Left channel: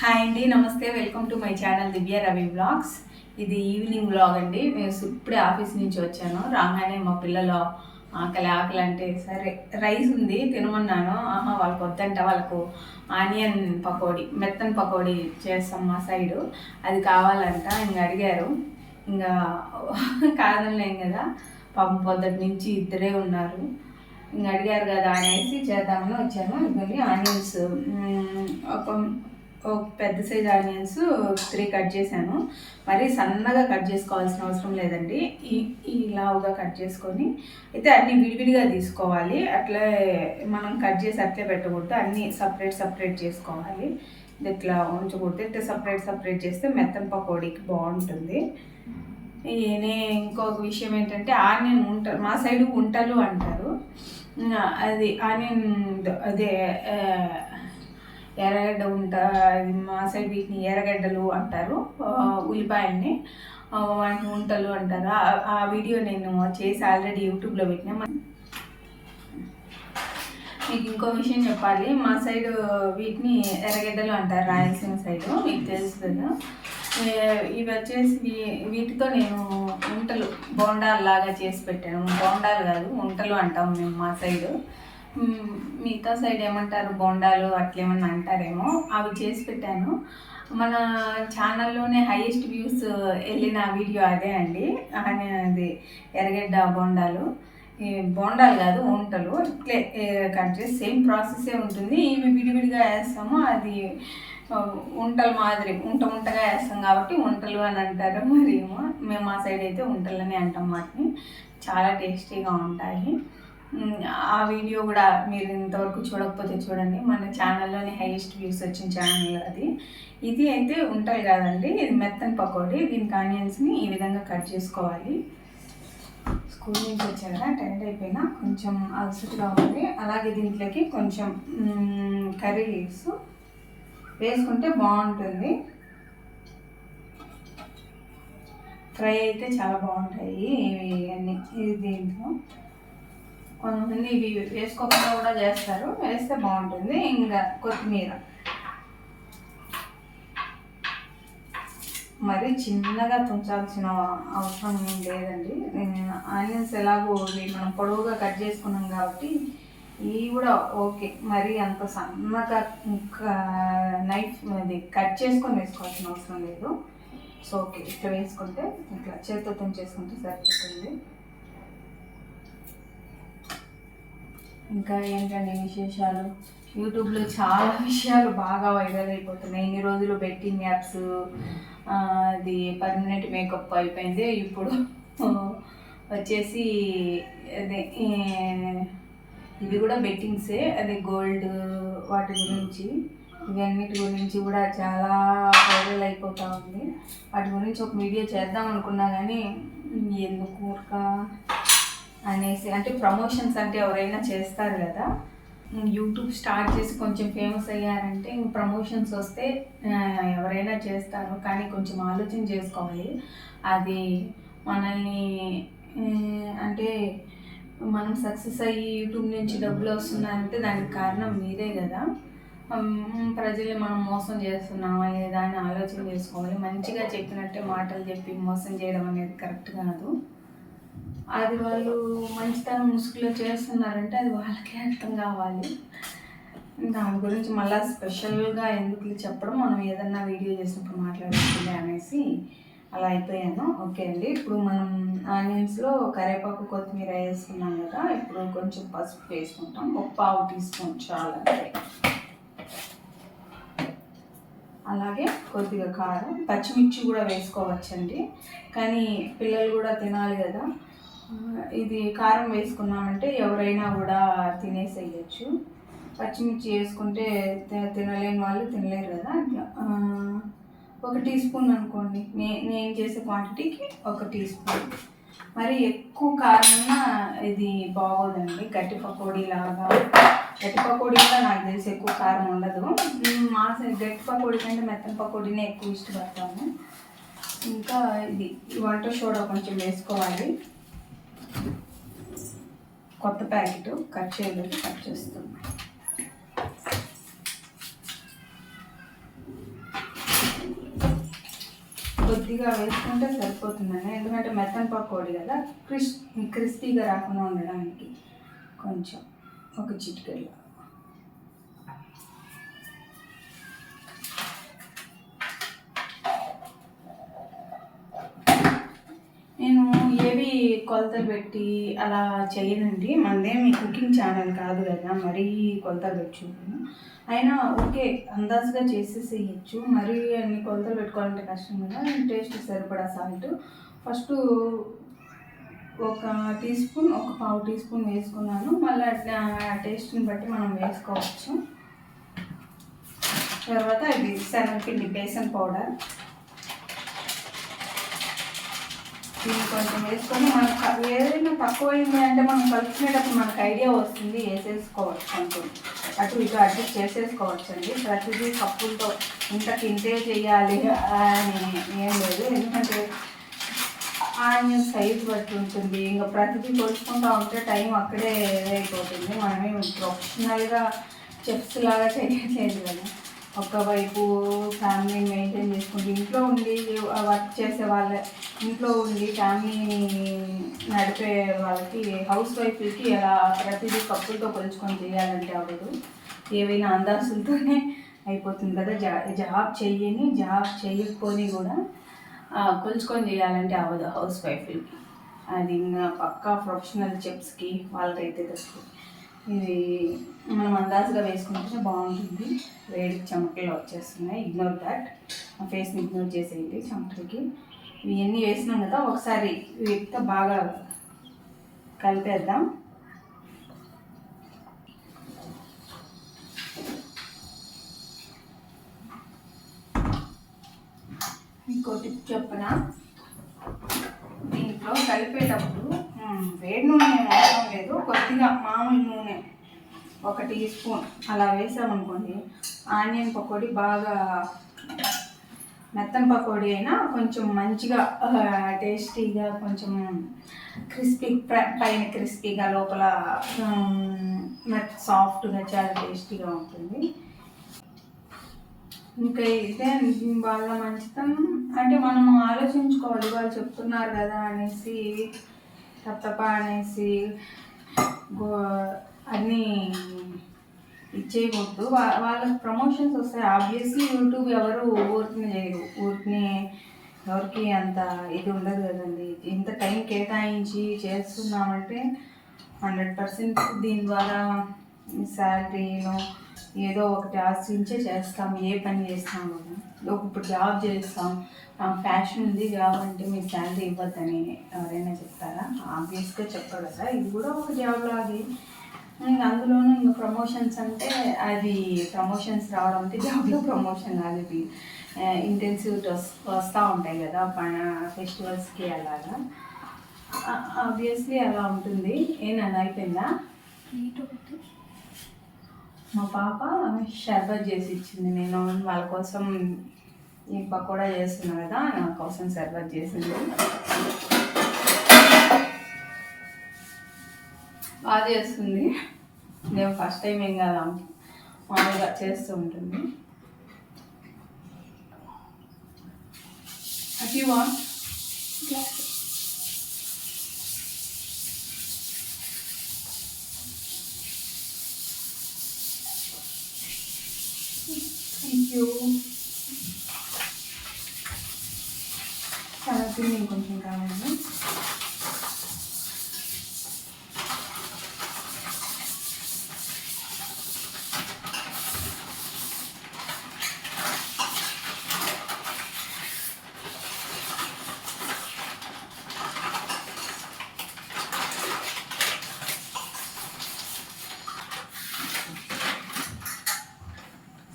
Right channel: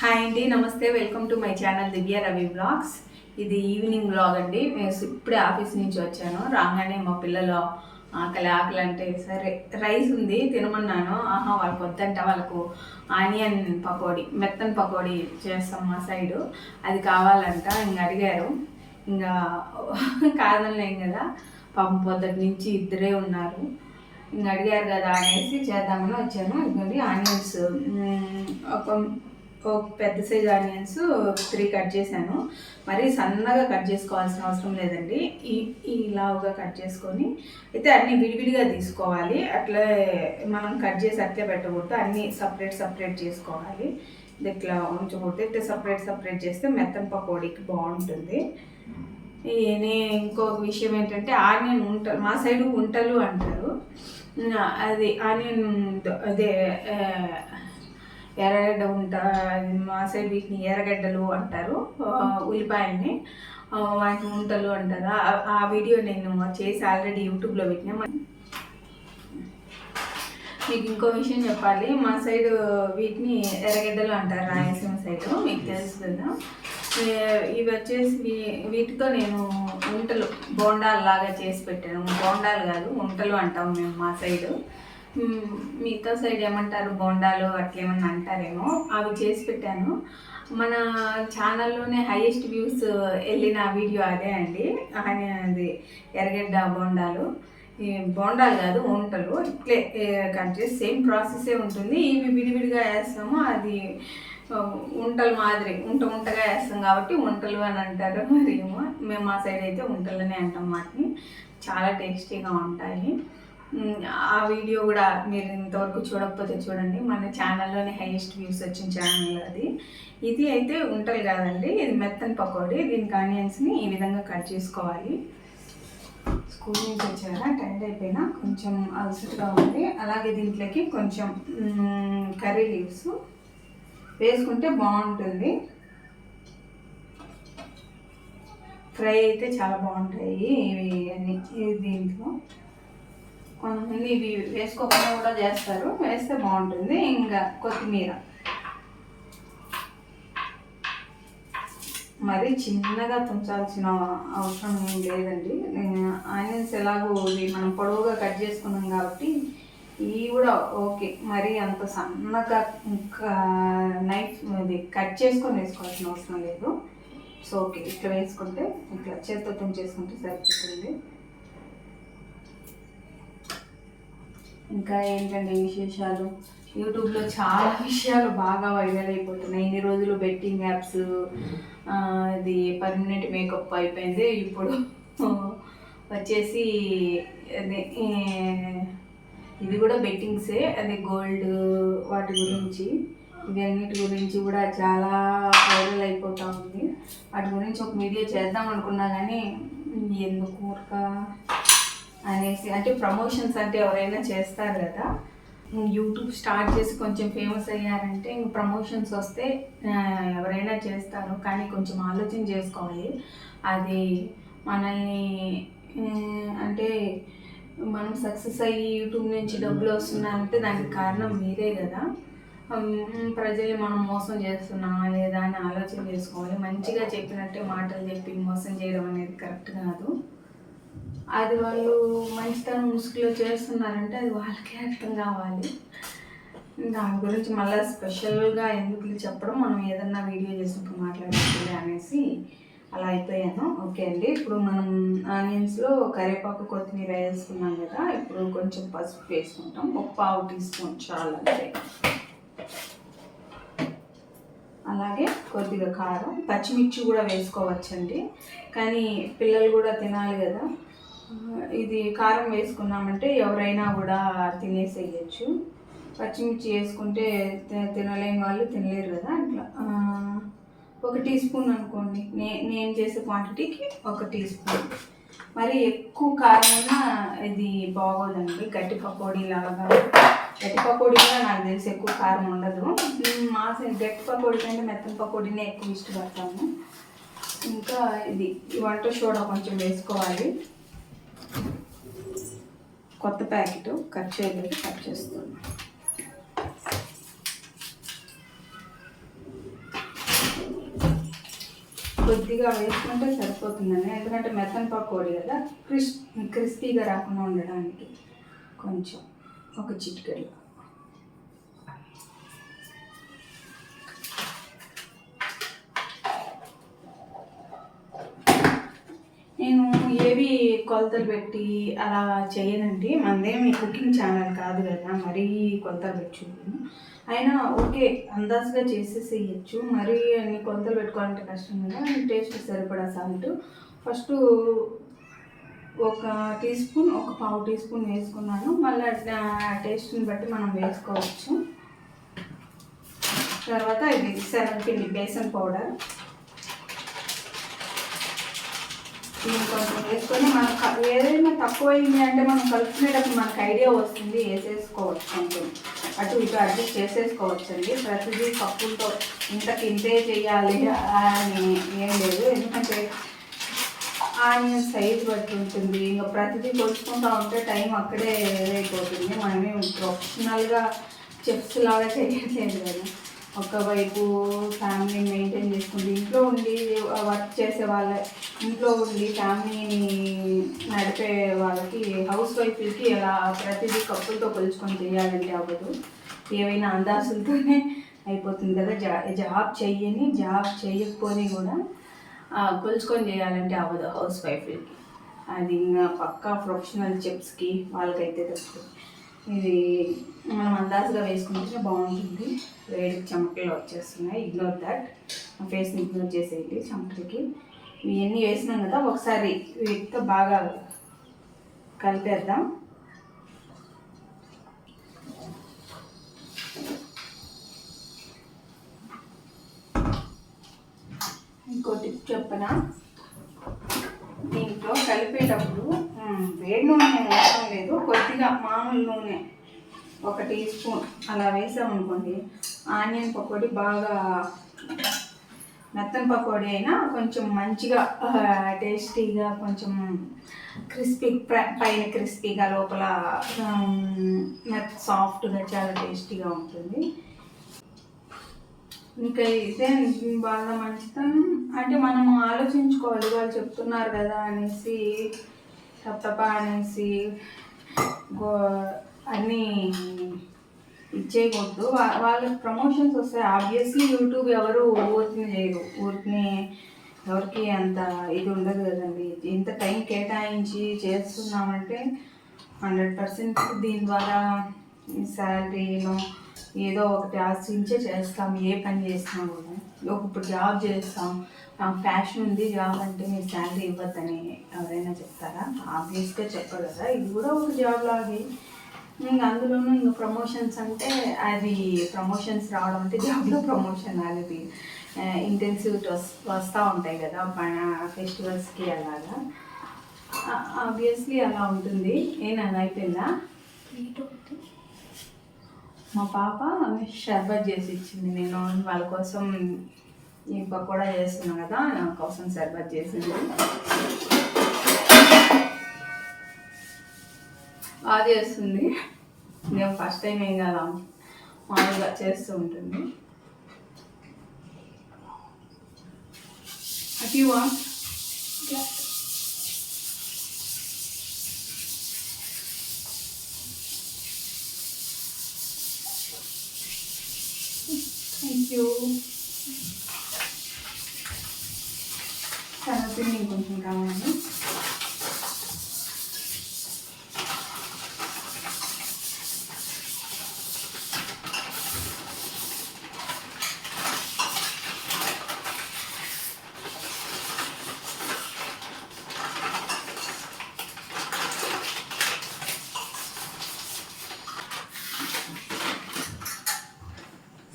Hi అండి, నమస్తే. Welcome to my channel Divya Ravi blogs. ఇది ఈవినింగ్ బ్లాగ్ అండి. నేను ఇప్పుడే ఆఫీస్ నుంచి వచ్చాను. రాగానే మా పిల్లలు ఆకలి ఆకలి అంటే సరే రైస్ ఉంది తినమన్నాను. వాళ్ళకి వద్దంట, వాళ్ళకు ఆనియన్ పకోడీ, మెత్తన్ పకోడీ చేస్తాం మా సైడు, అది కావాలంట. ఇంకా అడిగారు, ఇంకా కాదనలేం కదా, పాపం పొద్దుటి నుంచి ఇద్దరే ఉన్నారు. ఇంకా అడిగారు కదా అనేసి చేద్దామని వచ్చాను. ఇదిగోండి ఆనియన్స్, ఒక పెద్ద సైజ్ ఆనియన్స్ 3 కట్ చేశాను. మరి సన్నగా కట్ చేసుకోవాల్సిన అవసరం లేదండి, ఈ లావుగా కట్ చేసుకొని అయితే అన్నీ విడివిడిగా తీసుకోవాలి. అట్లే మనం కట్ చేసి అట్లే పెట్టకూడదు, అన్నీ సపరేట్ చేసుకోవాలి. ఇది ఇట్లా ఉంచకూడదు, ఇట్లా సపరేట్ చేస్తే మెత్తన్ పకోడీకి బాగుంటుంది. ఇంకొక విషయం ఏంటంటే ఆనియన్ ఉంటలు, మా సైడు ఉంటలు అంటారు. అది ఆనియన్ అదే ఎర్రగడ్డ మా సైడ్ వీటిని ఎర్రగడ్డలు అంటారు, ఉల్లిపాయల్ని వాటిని ఉంటలు అంటారు. ఆ వీడియో నేను చేసి ఆల్రెడీ యూట్యూబ్లో పెట్టినా. మీకు ఇంకో విషయం చెప్పాలి, మా సైడు వీటిని ఎర్రగడ్డలు అంటారు, రాయలసీమ సైడు, మీకు తెలుసు కదా. ఇవి వచ్చేసి వీటితో నేను ఉంటలు బోండాలు లాగా చేసి పెట్టాను. బోండాలు కాదు, ఉంటలు అంటాం మేము మా సైడు. మిగతా సైడ్ ఏమంటారు, బోండాలు అట్లేమన్నా అంటారేమో. అవి చేసి పెట్టాను. మన ఛానల్లోనే హైయెస్ట్ వ్యూస్ వెళ్ళిన వీడియో అదే అండి. అది ఎర్రగడ్డ బోండాలు. ఈ బోండాలు కాదు, ఉంటలు. ఇట్లే కట్ చేసి సేమ్ ప్రాసెసే ఉంటుంది. ఇవి విడివిడిగా వేస్తాము, అది ఉంటలు మాదిరి ఉంటగా వేస్తాం కాబట్టి ఉంటలు అని అంటారు. మరి మేము మా సైడ్ అయితే ఉంటలని అంటాం. వాటిని చాలా టేస్టీగా ఉంటాయి. ఆ వీడియో కూడా మీరు ఇంతవరకు చూడకపోతే చూడండి, మన ఛానల్లోనే హైయెస్ట్ వ్యూస్ వచ్చిన ఛానల్ అది. ఇది అయితే ఉంటలు కాదండి, ఇది మెత్తన్ పకోడీ. దీనికి ఆనియన్స్ని ఈ విధంగా కట్ చేసుకోవాలి. స్కూల్ నుంచి వచ్చారా, టైట్ అయిపోయినా కొంచెం అలసటగా ఉంది. అలాగే దీంట్లోకి కొంచెం కర్రీ లీవ్స్ వేసుకుంటే బాగుంటుంది. ఫ్రై అయితే చాలా బాగుంటాయి ఇవి అన్నీ. దీంట్లో కొంతమంది ఇవి వేసుకోకుండా కూడా చేస్తారు, వేస్తే బాగుంటుంది. ఇంకా కొత్తిమీర మరి చిన్నగా తుంచాల్సిన అవసరం ఏం లేదండి. ఆనియన్స్ ఎలాగో ఇవి మనం పొడవుగా కట్ చేసుకున్నాం కాబట్టి ఇవి కూడా ఓకే. మరి అంత సన్నగా నైఫ్ అది కట్ చేసుకొని వేసుకోవాల్సిన అవసరం లేదు. సో ఓకే, ఇట్లా వేసుకుంటే ఇట్లా చేతితో తుంచేసుకుంటే సరిపోతుంది. ఇంకా ఏంటంటే విశేషాలు, యూట్యూబ్లో చాలా విషయాలు బాగా వైరల్ అయిపోతున్నాయి. ఇన్ని రోజులు బెట్టింగ్ యాప్స్, అది పర్మనెంట్ మేకప్ అయిపోయింది. ఇప్పుడు వచ్చేసి అదే ఇది కూడా బెట్టింగ్సే, అదే గోల్డ్ వాటి గురించి, ఇవన్నిటి గురించి కూడా చాలా వైరల్ అయిపోతూ ఉంది. వాటి గురించి ఒక వీడియో చేద్దాం అనుకున్నా కానీ ఎందుకు ఊరక అనేసి, అంటే ప్రమోషన్స్ అంటే ఎవరైనా చేస్తారు కదా. యూట్యూబ్ స్టార్ట్ చేసి కొంచెం ఫేమస్ అయ్యారంటే ఇంక ప్రమోషన్స్ వస్తే ఎవరైనా చేస్తారు, కానీ కొంచెం ఆలోచన చేసుకోవాలి. అది మనల్ని అంటే మనం సక్సెస్ అయ్యి యూట్యూబ్ నుంచి డబ్బులు వస్తున్నాయంటే దానికి కారణం మీరే కదా. ప్రజల్ని మనం మోసం చేస్తున్నామా లేదా అని ఆలోచన చేసుకోవాలి. మంచిగా చెప్పినట్టే మాటలు చెప్పి మోసం చేయడం అనేది కరెక్ట్ కాదు. అది వాళ్ళు మంచితనం ముసుగులో చేస్తున్నారంటే అది వాళ్ళకే అర్థం కావాలి. దాని గురించి మళ్ళీ స్పెషల్గా ఎందుకు చెప్పడం, మనం ఏదన్నా వీడియో చేసినప్పుడు మాట్లాడుతుంది అనేసి అలా అయిపోయాను. ఓకే అండి, ఇప్పుడు మనం ఆనియన్స్లో కరివేపాకు కొత్తిమీర వేసుకున్నాం కదా. ఇప్పుడు కొంచెం పసుపు వేసుకుంటాం, ఒక 1/2 టీ స్పూన్ చాలంటే. అలాగే కొద్దిగా కారం, పచ్చిమిర్చి కూడా వేసుకోవచ్చండి, కానీ పిల్లలు కూడా తినాలి కదా. ఇది కారం వేసుకున్నామంటే ఎవరైనా కూడా తినేసేయచ్చు. పచ్చిమిర్చి వేసుకుంటే తినలేని వాళ్ళు తినలేరు కదా. అట్లా 1 టీ స్పూన్ అనుకోండి, నేను చేసే క్వాంటిటీకి 1 టీ స్పూన్. మరి ఎక్కువ కారం ఉన్నా ఇది బాగోదండి. గట్టి పకోడీ లాగా, గట్టి పకోడీ కూడా నాకు తెలిసి ఎక్కువ కారం ఉండదు. మా గట్టి పకోడీ కంటే మెత్తన్ పకోడీనే ఎక్కువ ఇష్టపడతాము. ఇంకా ఇది వంట సోడా కొంచెం వేసుకోవాలి. కొత్త ప్యాకెట్ కట్ చేయలేదు, కట్ చేస్తున్నాను. కొద్దిగా వేసుకుంటే సరిపోతుందని, ఎందుకంటే మెత్తన్ పకోడీ కదా, క్రిస్పీగా రాకుండా ఉండడానికి కొంచెం ఒక చిటికెడు. నేను ఏవి కొలతలు పెట్టి అలా చేయనండి, మనదేమి కుకింగ్ ఛానల్ కాదు కదా, మరీ కొలతలు పెట్టి చూడను. అయినా ఓకే, అందాజుగా చేసేసేయచ్చు, మరీ అన్ని కొలతలు పెట్టుకోవాలంటే కష్టం కదా. టేస్ట్ సరిపడా సాల్ట్ ఫస్ట్ ఒక టీ స్పూన్, ఒక పావు టీ స్పూన్ వేసుకున్నాను. మళ్ళీ టేస్ట్ని బట్టి మనం వేసుకోవచ్చు. తర్వాత ఇది శనగపిండి, బేసన్ పౌడర్, దీన్ని కొంచెం వేసుకొని మనం ఏదైనా తక్కువైంది అంటే మనం కలుపుకునేటప్పుడు మనకు ఐడియా వస్తుంది, వేసేసుకోవచ్చు. కొంచెం అటు ఇటు అడ్జస్ట్ చేసేసుకోవచ్చు అండి. ప్రతిదీ కప్పులతో ఇంతే చేయాలి అని ఏం లేదు, ఎందుకంటే ఆనియన్ సైజ్ బట్టి ఉంటుంది. ఇంకా ప్రతిదీ కొలుచుకుంటూ ఉంటే టైం అక్కడే అయిపోతుంది. మనమే ప్రొఫెషనల్గా చెఫ్స్ లాగా చేయట్లేదు కదా. ఒకవైపు ఫ్యామిలీని మెయింటైన్ చేసుకుంటూ ఇంట్లో ఉండి వర్క్ చేసే వాళ్ళ, ఇంట్లో ఉండి ఫ్యామిలీని నడిపే వాళ్ళకి, హౌస్ వైఫ్లకి అలా ప్రతిదీ కప్పులతో కొలుచుకొని చేయాలంటే అవ్వదు. ఏవైనా అందాసులతోనే అయిపోతుంది కదా. జాబ్ చేయకపోని కూడా కొలుచుకొని చేయాలంటే అవ్వదు హౌస్ వైఫ్లకి. అది ఇంకా పక్కా ప్రొఫెషనల్ చెఫ్స్కి వాళ్ళకైతే వస్తుంది. ఇది మనం అందాజుగా వేసుకుంటే బాగుంటుంది. వేడికి చెమటలు వచ్చేస్తున్నాయి, ఇగ్నోర్ దాట్. ఆ ఫేస్ని ఇగ్నోర్ చేసేయండి చెమటలకి. ఇవన్నీ వేసినాం కదా, ఒకసారి వీటితో బాగా కలిపేద్దాం. ఇంకో టిప్ చెప్పనా, దీంట్లో కలిపేటప్పుడు వేడి నూనె అవసరం లేదు, కొద్దిగా మామూలు నూనె ఒక టీ స్పూన్ అలా వేసామనుకోండి, ఆనియన్ పకోడీ బాగా, మెత్తన్ పకోడీ అయినా కొంచెం మంచిగా టేస్టీగా, కొంచెం క్రిస్పీ, పైన క్రిస్పీగా, లోపల సాఫ్ట్గా, చాలా టేస్టీగా ఉంటుంది. ఇంకా ఇదే వాళ్ళ మంచితనం అంటే మనం ఆలోచించుకోవాలి, వాళ్ళు చెప్తున్నారు కదా అనేసి తప్ప అనేసి అన్నీ ఇచ్చేయకూడదు. వాళ్ళకి ప్రమోషన్స్ వస్తాయి ఆబ్వియస్లీ. యూట్యూబ్ ఎవరు ఊరిని చేయరు, ఊరిని ఎవరికి అంత ఇది ఉండదు కదండి. ఇంత టైం కేటాయించి చేస్తున్నామంటే 100% దీని ద్వారా శాలరీలో ఏదో ఒకటి ఆశించే చేస్తాం. ఏ పని చేస్తాము కదా, ఇప్పుడు జాబ్ చేస్తాం, ఫ్యాషన్ ఉంది జాబ్ అంటే మీరు శాలరీ ఇవ్వద్దని ఎవరైనా చెప్తారా? ఆబ్వియస్గా చెప్పరు కదా. ఇది కూడా ఒక జాబ్ లాగే. అందులోనూ ఇంకా ప్రమోషన్స్ అంటే, అది ప్రమోషన్స్ రావడం అంటే జాబ్లో ప్రమోషన్ అనేది ఇంటెన్సివ్ వస్తూ ఉంటాయి కదా మన ఫెస్టివల్స్కి, అలాగా ఆబ్వియస్లీ అలా ఉంటుంది. ఏమన్నా అయిపోయిందా? మా పాప షర్బత్ చేసి ఇచ్చింది, నేను వాళ్ళ కోసం ఈ పకోడా చేస్తున్నా కదా, నా కోసం షర్బత్ చేసింది. బాగా చేస్తుంది, నేను ఫస్ట్ టైం ఏం కదా, మామూలుగా చేస్తూ ఉంటుంది. అతి థ్యాంక్ యూ. శనగపిండి ఇంకొంచెం కావాలి.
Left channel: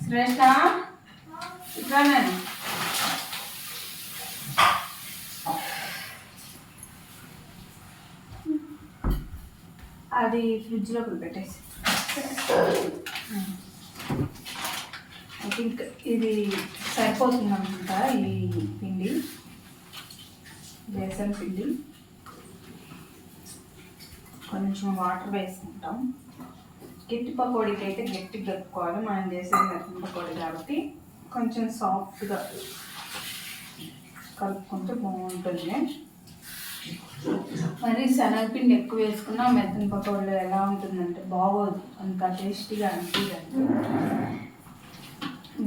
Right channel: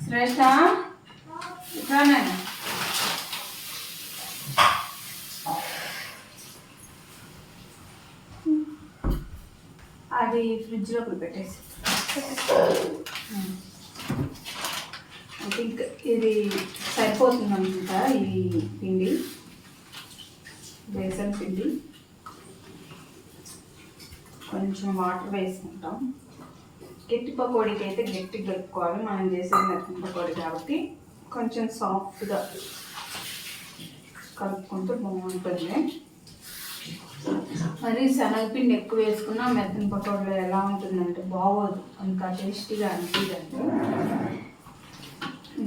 శ్రేష్ఠ ఇట్లానే అది ఫ్రిడ్జ్లో పెట్టేసి, ఐ థింక్ ఇది సరిపోతుందన్నమాట. ఈ పిండి, బేసన్ పిండి, కొంచెం వాటర్ వేసుకుంటాం. గట్టి పకోడీకి అయితే గట్టిగా కలుపుకోవాలి, మనం చేసేది మెత్తని పకోడీ కాబట్టి కొంచెం సాఫ్ట్గా. కలుపుకుంటే బాగుంటుంది. మరి శనగపిండి ఎక్కువ వేసుకున్నా మెత్తని పకోడీలో ఎలా ఉంటుందంటే బాగోదు, అంత టేస్టీగా అనిపించదండి.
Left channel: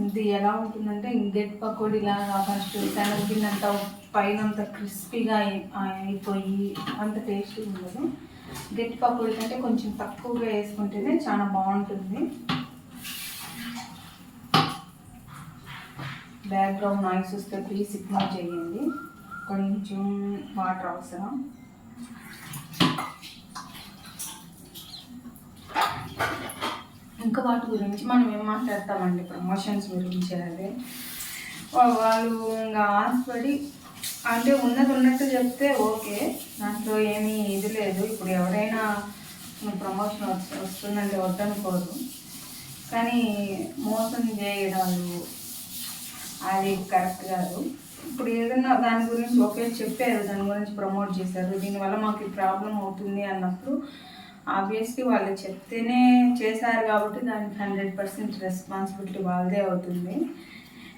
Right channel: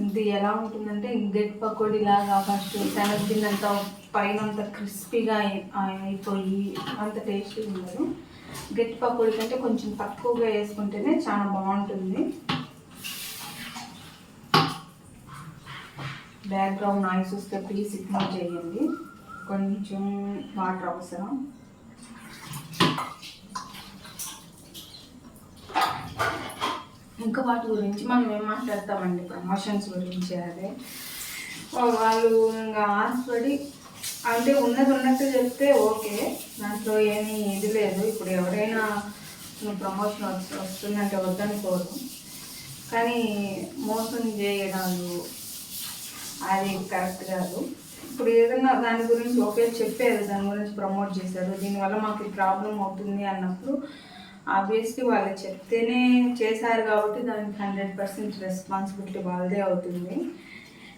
ఇది ఎలా ఉంటుందంటే గట్టి పకోడీ లాగా ఫస్ట్ శనగపిండి అంతా పైన అంతా క్రిస్పీగా అయిపోయి అంత టేస్టీ ఉండదు. గట్టి పకోడీ కంటే కొంచెం తక్కువగా వేసుకుంటేనే చాలా బాగుంటుంది. బ్యాక్గ్రౌండ్ నాయిస్ వస్తే ప్లీజ్ ఇగ్నోర్ చేయండి. కొంచెం వాటర్ అవసరం. ఇంకా వాటి గురించి మనం ఏం మాట్లాడతామండి, ప్రమోషన్స్ గురించి. అదే వాళ్ళు ఇంకా ఆశపడి అంటే ఉన్నది ఉన్నట్టు చెప్తే ఓకే, దాంట్లో ఏమీ ఇది లేదు. ఇప్పుడు ఎవరైనా ప్రమోషన్ వస్తుందంటే వద్దనుకోరు, కానీ మోసం చేయడాలు అది కరెక్ట్ కాదు. ఇప్పుడు ఏదైనా దాని గురించి ఒకే చెప్పారు, దాని గురించి ప్రమోట్ చేశారు, దీనివల్ల మాకు ప్రాబ్లం అవుతుంది అన్నప్పుడు ఆబ్వియస్లీ వాళ్ళు చెప్తేనే చేశారు కాబట్టి దానికి 100% రెస్పాన్సిబిలిటీ వాళ్ళదే అవుతుంది.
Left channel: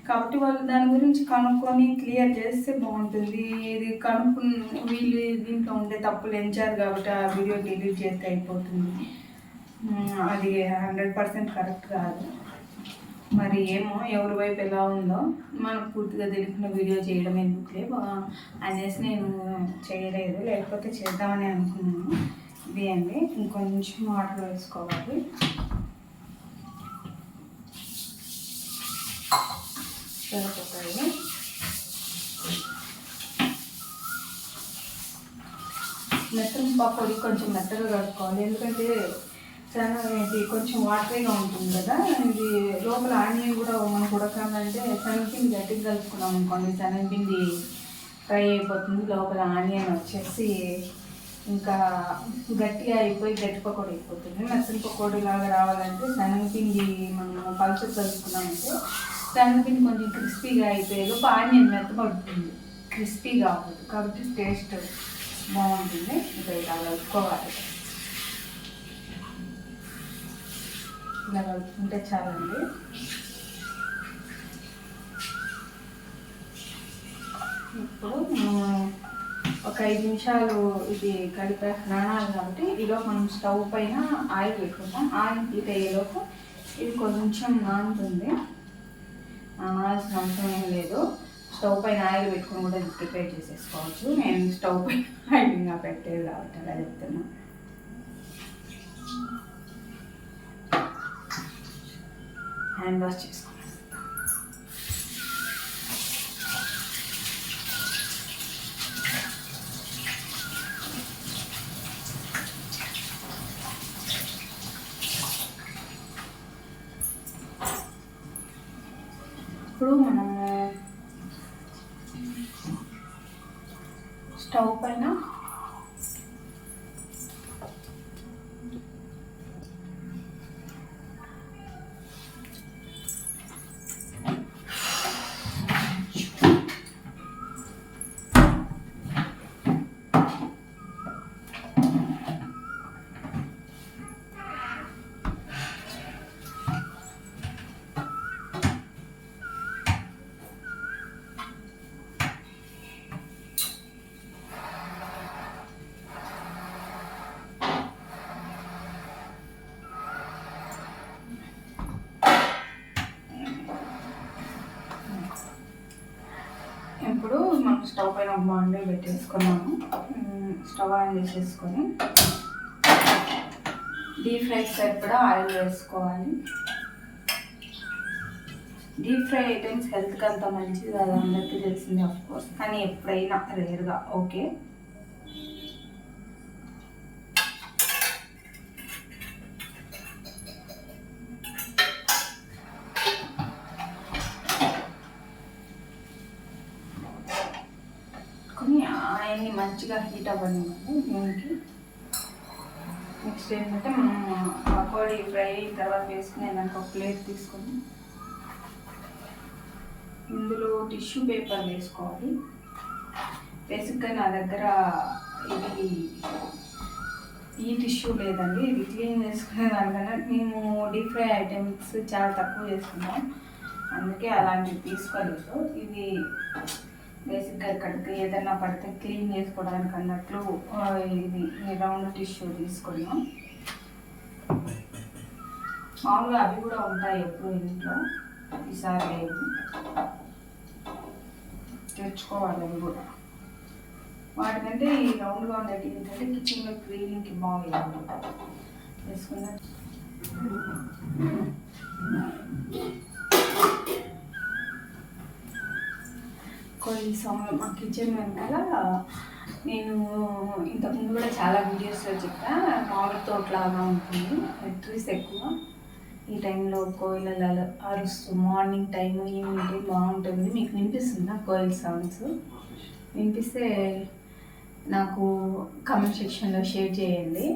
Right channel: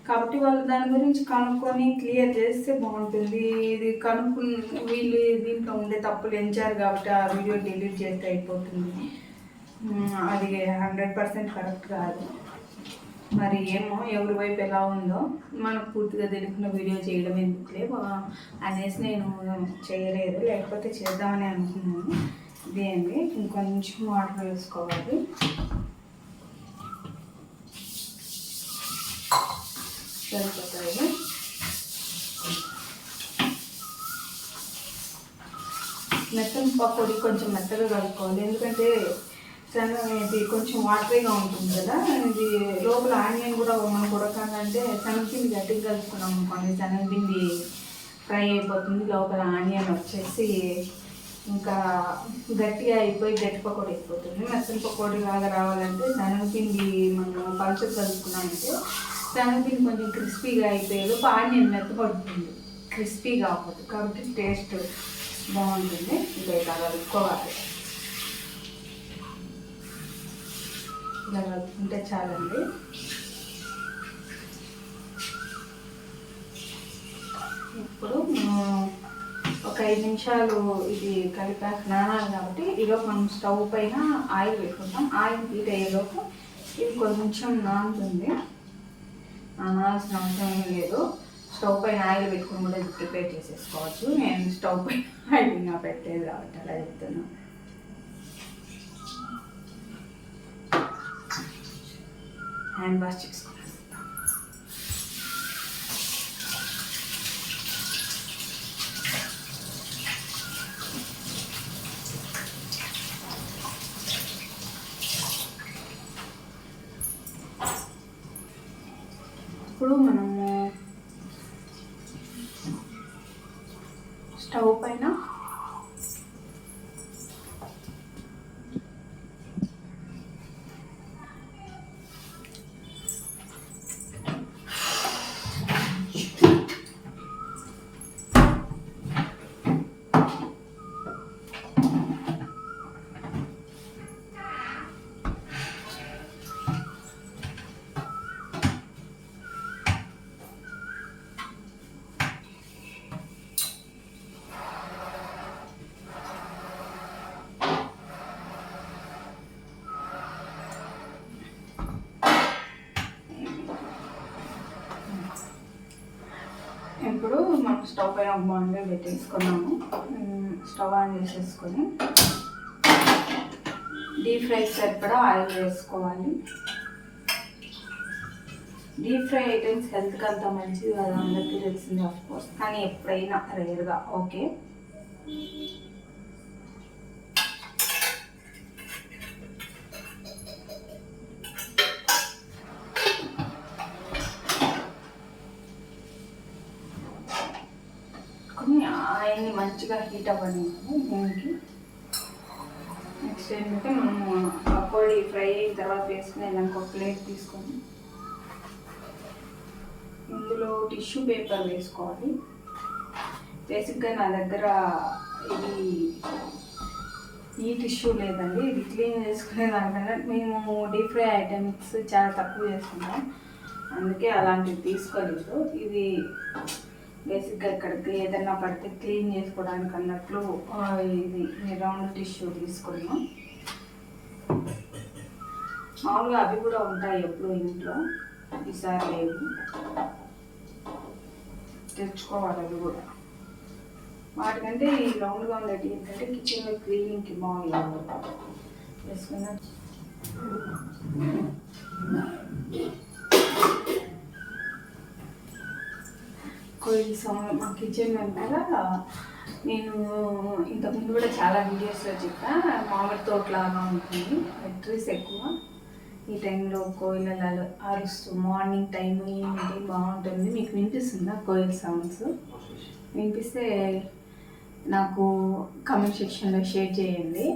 కాబట్టి వాళ్ళు దాని గురించి కనుక్కొని క్లియర్ చేస్తే బాగుంటుంది. ఇది కనుక్కుని వీళ్ళు దీంట్లో ఉండే తప్పులు ఎంచారు కాబట్టి ఆ వీడియో డిలీట్ చేస్తే అయిపోతుంది. అది 100% కరెక్ట్ కాదు. మరి ఏమో ఎవరి వైపు ఎలా ఉందో మనకు పూర్తిగా తెలిసిన వీడియో చేయడం ఎందుకులే అనేసి నేను చేయలేదు, లేకపోతే చేద్దామని అనుకున్నాను. ఇది అండి, ఇంకొంచెం వాటర్ వేసుకోవాలి. సరిపోతాయి. మెత్తని పకోడీ కొంచెం మెత్తగా కలుపుకోవాలి, ఎందుకంటే ఇది కొంచెం వాటరీగా ఉంటుంది కదా. ఇది లోపల ఆనియన్ కూడా మనకు ఉడకాలంటే శనగపిండి గట్టిగా కలుపుకున్నాం అనుకోండి, శనగపిండి ఫ్రై అయిపోతుంది, లోపల ఆనియన్ వచ్చేసి ఇంకా గట్టిగా అయిపోయి గట్టి పకోడీ అయిపోతుంది. మెత్తని పకోడీ లాగా రావాలంటే శనగపిండి మనం పల్చగా కలుపుకున్నామంటే శనగపిండి కొంచెం క్రిస్పీగా అయిపోయి లోపు ఆనియన్ మెత్తపడుతుంది, క్రిస్పీగా అవ్వదు. కాబట్టి టేస్ట్ బాగుంటుంది. ఇంకా ఇలా కలుపుకోవాలి. ఇలా కలుపుకుంటే చాలండి. ఇప్పుడు మనము ఒక 5 నిమిషాలు ఇది కలిపాక నానాలి కాబట్టి ఈలోపు మనం స్టవ్ పైన ఆయిల్ పెట్టుకుంటాం. ఆయిల్ హీట్ అయ్యేలోపు ఇది కొంచెం నానుతుంది, నానాల్సిన అవసరం ఏం లేదు. స్టవ్ పైన ఆయిల్ పెట్టుకుని కూడా ఇది ప్రిపేర్ చేసేసుకోవచ్చు. నేను స్టవ్ పైన ఆయిల్ ఇంకా పెట్టేది కాబట్టి అలా చెప్తున్నా. హ్యాండ్ వాష్ చేసుకోవాలి. ఇప్పుడు మనము స్టవ్ పైన ఇప్పుడు మనం స్టవ్ పైన ఒక బాండీ పెట్టేసుకున్నాము. స్టవ్ ఆన్ చేసేసుకొని డీప్ ఫ్రై సరిపడా ఆయిల్ వేసుకోవాలి. డీప్ ఫ్రై ఐటమ్స్ హెల్త్కి అంత మంచిది కాదు, అందరికీ తెలిసింది ఆఫ్కోర్స్, కానీ ఎప్పుడైనా రేర్గా ఓకే. ఆయిల్ని మంచిగా హీట్ అవ్వనివ్వాలి. దీనికి నెక్స్ట్ ఏంటంటే మనం పకోడీ ఫ్రై అయిన తర్వాత వేసుకునేదానికి ఒక ప్లేట్ తీసుకొని ఇందులో టిష్యూ పేపర్ వేసుకోవాలి. బేసిక్గా నా దగ్గర ఇది ఈ టిష్యూ లేదండి, ఇది క్లీన్ చేసుకునే దానికన్నా మేము డీప్ ఫ్రై ఐటమ్స్ చాలా తక్కువ చేసుకుంటాం, అందుకే అలాంటివి తీసుకోలేదు. ఇది బేసిక్గా ఎక్కడికి ఏదైనా పడితే క్లీన్ చేసుకోవడానికి అన్నట్లు ఇది రౌండ్ టిష్యూ తీసుకున్నాం. మామూలుగా అవి కూడా ఉంటాయి ఎప్పుడు ఇంట్లో, ఈసారి లేవు, తెచ్చుకోవాలి అవి కూడా. వాటికంటే ఈ రౌండ్గా ఉండేవి ఏంటంటే కిచెన్లో క్లీనింగ్కి బాగుంది వేసుకున్నా. కోయిల్ సౌండ్ మా కిచెన్ వెనకాల నేను ఇంతకుముందు కూడా చాలా వీడియోస్లో చెప్పా, మామిడి తోటలాగా ఉంటుంది, ట్రీస్ ఎక్కువ. ఈ టైంలో కోయిలలు అరుస్తూ మార్నింగ్ టైం ఈవినింగ్ టైం బాగుంటుంది. మీకు వినిపిస్తుందా కోయిల్ సౌండ్స్? వినిపిస్తే నాకు కామెంట్ సెక్షన్లో షేర్ చేయండి.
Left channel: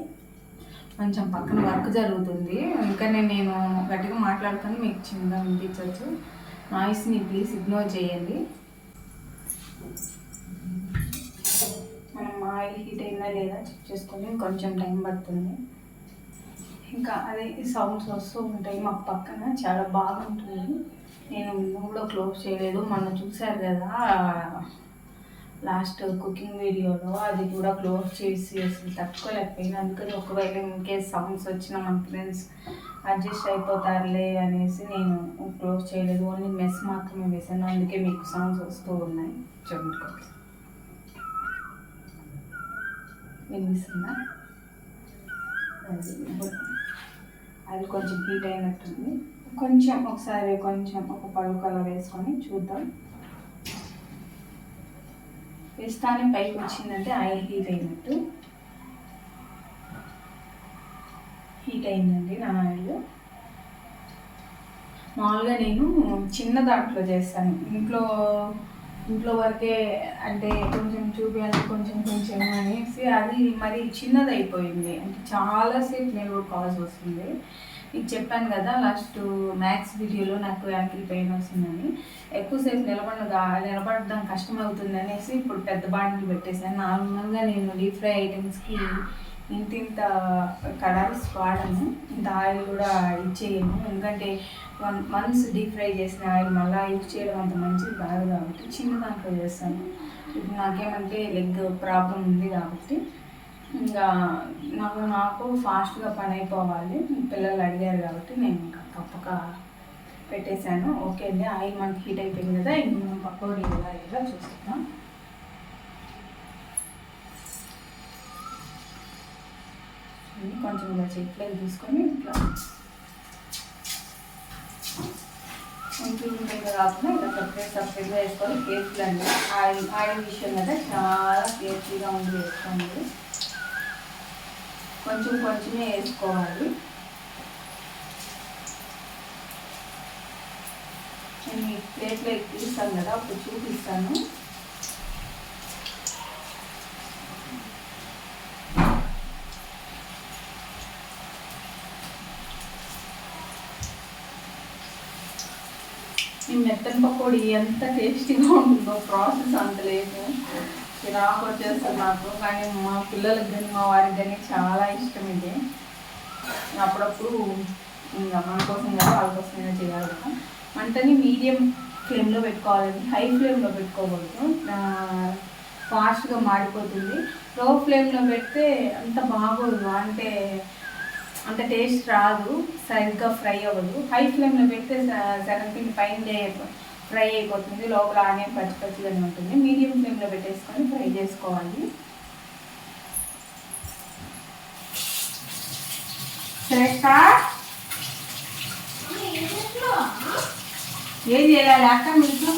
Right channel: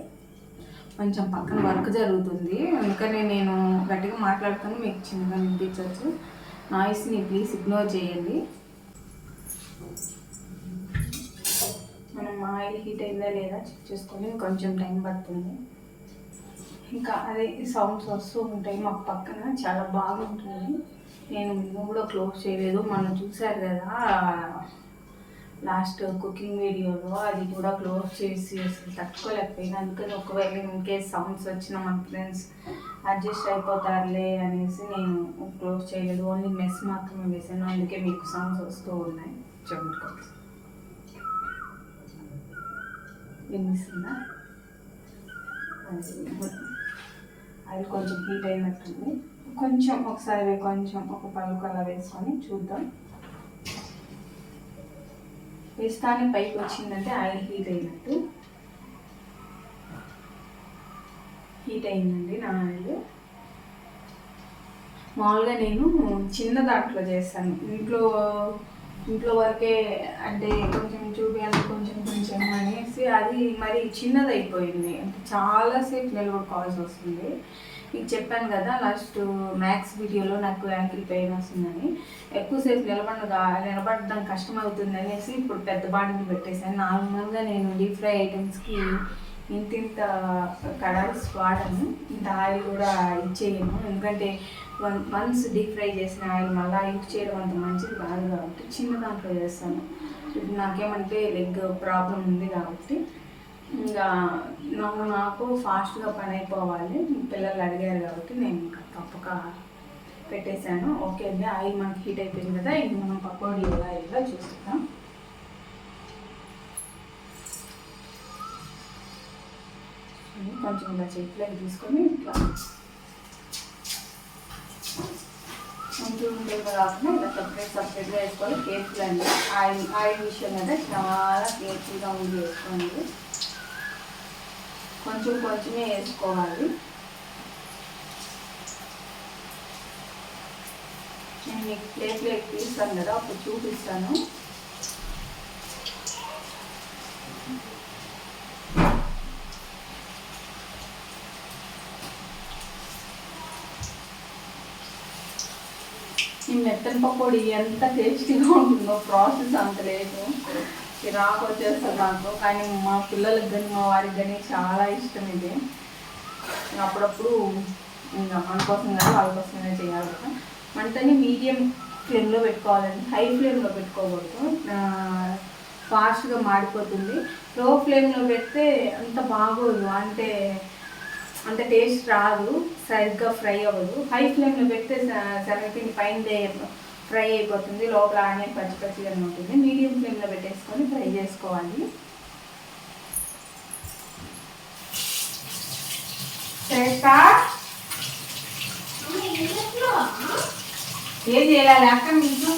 కొంచెం పక్కన వర్క్ జరుగుతుంది, అందుకని నేను గట్టిగా మాట్లాడుతాను, మీకు చిన్నగా వినిపించవచ్చు. నాయిస్ని ప్లీజ్ ఇగ్నోర్ చేయండి. మనం ఆయిల్ హీట్ అయిందా లేదా చెక్ చేసుకొని కొంచెం టైం పడుతుంది. ఇంకా అదే సౌండ్స్ వస్తూ ఉంటాయి మాకు పక్కన, చాలా బాగుంటుంది. నేను కూడా క్లోజ్ చేయలేదు, మనం చూసారు కదా లాస్ట్ కుకింగ్ వీడియోలో, అది కూడా క్లోజ్ చేసి అసలు తట్టుకోలేకపోయినా. అందుకని ఒకవేళ ఇన్కేస్ సౌండ్స్ వచ్చినా మన ఫ్రెండ్స్ అడ్జస్ట్ అయిపోతారులే అనేసి నేను క్లోజ్ చేయలేదు, ఓన్లీ మెస్ మాత్రమే వేసాను. అందుకే మీకు సౌండ్స్ వస్తూ ఉన్నాయి. చెప్పుకోవాలి, వినిపిస్తుందా? అది కొంచెం హీట్ అయినట్టుంది, కొంచెం ఒకసారి కొంచెం ఒక పలుకు అలా వేసుకొని చూద్దాం. వేస్తానే పైకి వచ్చిందంటే ఆయిల్ హీట్ అయినట్టు. హీట్ అయిందండి నా ఆయిల్. మామూలుగా నేను చిన్న దాంట్లో చేస్తాను, ఇంట్లో వరకే, అంటే కొంచెం చూపించాలి కొంచెం కొంచెం అనేసి అది మరి చిన్నది అయిపోయింది, అంటే చాలాసేపు నిలబడుకోవాల్సి వస్తుంది. మీకు చెప్పాను కదా లాస్ట్ మ్యాథ్స్ వీడియోలో నాకు యాంకిల్ పెయిన్ వస్తుందని, ఎక్కువసేపు నిలబడడం కష్టమవుతుంది అనేసి ఇప్పుడు పెద్ద బాండిల్ పెట్టేశాను. నార్మల్గా నేను డీప్ ఫ్రై ఐటమ్స్కి ఇంత కడాయిస్ వాడను, ఇంత ఆయిల్ కూడా ఇచ్చేయను, ఎందుకంటే వన్స్ డీప్ ఫ్రై చేసిన ఆయిల్ మళ్ళీ యూజ్ చేయడం అంత మంచిది కాదు కాబట్టి చిన్న దాంట్లో చేస్తాను. ఇప్పుడు నాకేమంటే లెగ్ ప్రాబ్లం ఉంది కాబట్టి ఇంకా నాకు ఫాస్ట్గా పని అయిపోవాలి, పిల్లలు అడిగారు కాబట్టి నేను ఇంకా తప్పక పెట్టేశాను. ఓకే అండి, ఆయిల్ మనకి హీట్ అయిపోయింది కదా, ఇంక మనం పకోడీ ఎలా ఇలా చూస్తాం. కొంచెం ఇలా చెట్లకి తీసుకొని ఇట్లా కొంచెం కాకుండా ఇలా సపరేట్గా వేసుకోవాలి. కేర్ఫుల్ అండి, ఆయిల్ విషయం కదా చాలా కేర్ఫుల్గా ఉండి వేసుకోండి. కొంచెం కొంచెమే వేసుకోవాలి. నేను మీకు ప్లేట్లో తీస్తాను కదా, అప్పుడు చూపిస్తాను. ఈ మెత్తని పకోడీ ఎంత టేస్టీగా ఉంటుందో, ప్రాసెస్ అంత లేదు, చిరాకు వచ్చేస్తుంది నాకు. కానీ మా పిల్లలకి కానీ మా వారికి కానీ చాలా ఇష్టం ఇది. అప్పుడప్పుడు ఇంకా మన కోసం కదా వాళ్ళ కోసమైనా చేయాలి కదా. మంటని మీడియం ఫ్లేమ్లో పెట్టుకోవాలండి, హై ఫ్లేమ్లో పెట్టుకోకూడదు, ఫాస్ట్గా మాడిపోతుంది. లో ఫ్లేమ్లో పెడితే అంత బాగోదు, అంత టేస్ట్ రాదు, సరిగ్గా ఫ్రై అవ్వదు. హై ఫ్లేమ్లో పెడితే శనగపిండి పైన ఫ్రై అయిపోతుంది, లోపల ఆనియన్ పచ్చి పచ్చిగానే ఉంటుంది. మీడియం ఫ్లేమ్లో పెట్టేసుకొని ఫ్రై చేసుకోవాలి. ఏం చేయాలి అక్క మీకు?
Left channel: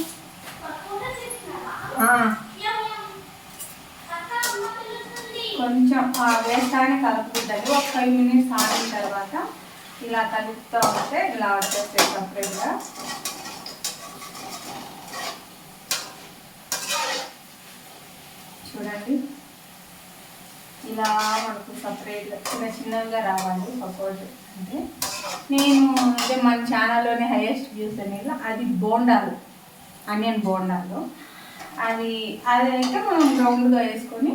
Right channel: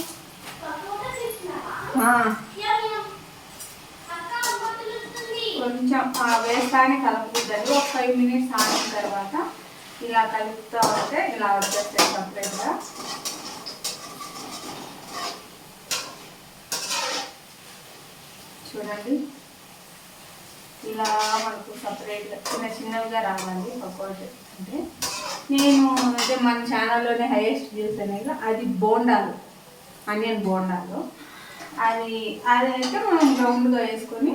కొంచెం వేస్తానే కలుపుతుందండి. ఒక 5 minutes ఆగిన తర్వాత ఇలా కలుపుతూ ఉంటే ఇలా వచ్చేస్తాయి సపరేట్గా. చూడండి, ఇలా మనకు సపరేట్గా చిన్నగా రావాలి పకోడీ. అంటే నేను అదే మన ఛానల్లోనే హైయెస్ట్ వ్యూస్ అనేది అది బోండాలు, ఆనియన్ బోండాలు. అది అయితే మనం రౌండ్గా వేసుకొని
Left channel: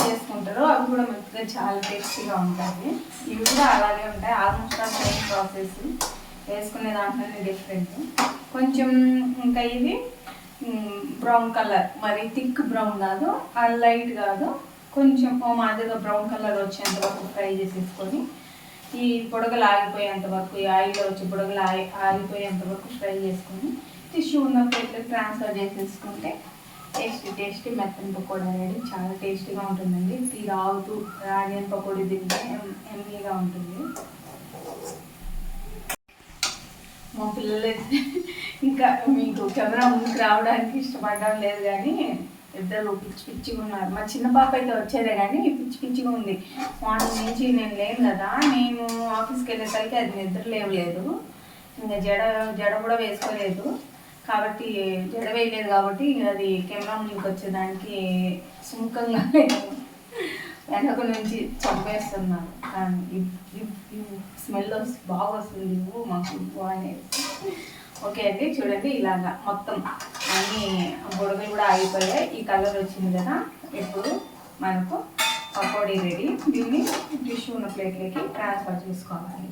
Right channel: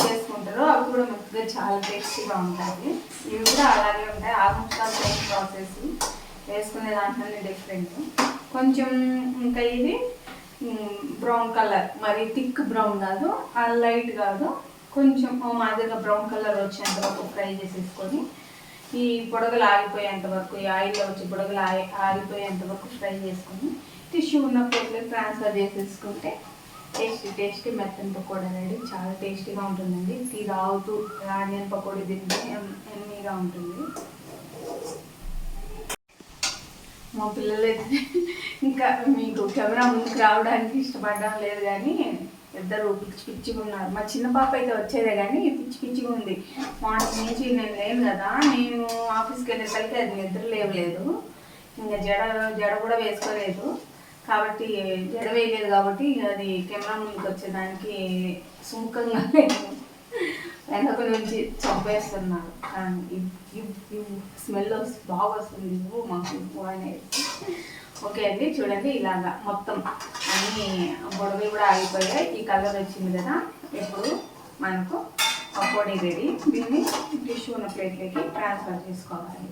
చేసుకుంటారు, అవి కూడా మంచిగా చాలా టేస్టీగా ఉంటాయి. ఇవి కూడా అలాగే ఉంటాయి, ఆల్మోస్ట్ ఆల్ సేమ్ ప్రాసెస్, వేసుకునే దాంట్లోనే డిఫరెంట్ కొంచెం. ఇంకా ఇది బ్రౌన్ కలర్, మరి థిక్ బ్రౌన్ కాదు, లైట్ కాదు, కొంచెం మాదిరిగా బ్రౌన్ కలర్ వచ్చేంత వరకు ఫ్రై చేసేసుకొని ఈ బుడగలు ఆగిపోయేంత వరకు, ఈ ఆయిల్లో వచ్చి బుడగలు ఆగిపోయేంత వరకు ఫ్రై చేసుకొని టిష్యూ ఉన్న ప్లేట్లోకి ట్రాన్స్ఫర్ చేసేసుకుంటే టేస్టీ మెత్తని పకోడీ రెడీ. చాలా టేస్టీగా ఉంటుందండి. టీ తాగుతూ ఆనియన్ పకోడీ తింటే ఎమ్మీగా ఉంటుంది. మా పిల్లలైతే ఇంకా మీకు కెమెరా ముందుకు రావడానికి ఇష్టపడడం లేదు, కానీ ఇద్దరు పిచ్చిగా ఉన్నారు. మా చిన్న పాప అయితే వచ్చేదే కానీ పిచ్చిగా ఉంది. మార్నింగ్ నుంచి నేను లేను కదా, నేను ఆఫీస్కి వెళ్ళేసరికి అది నిద్ర లేవలేదు. ఇంకా జడ కూడా వేసుకోలేదు కాబట్టి, జడ వేయలేదు కాబట్టి అది కెమెరా ముందుకు వచ్చేదానికి సుముఖంగా లేదు. వెనక నుంచి చంపేస్తున్నారు. స్మెల్ బాగా వస్తుంది, ఇవ్వు మాకు ఇవ్వు అనేది. ఓకే అండి, చూడండి ఇలాగా మొత్తం అన్ని బుడగలు కూడా ఆగిపోయాయి. ఈ కలర్ వచ్చింది కదా, ఇప్పుడు మనకు పకోడీ రెడీ. దీన్ని టిష్యూ ఉన్న ప్లేట్లోకి ట్రాన్స్ఫర్ చేసుకోవాలి.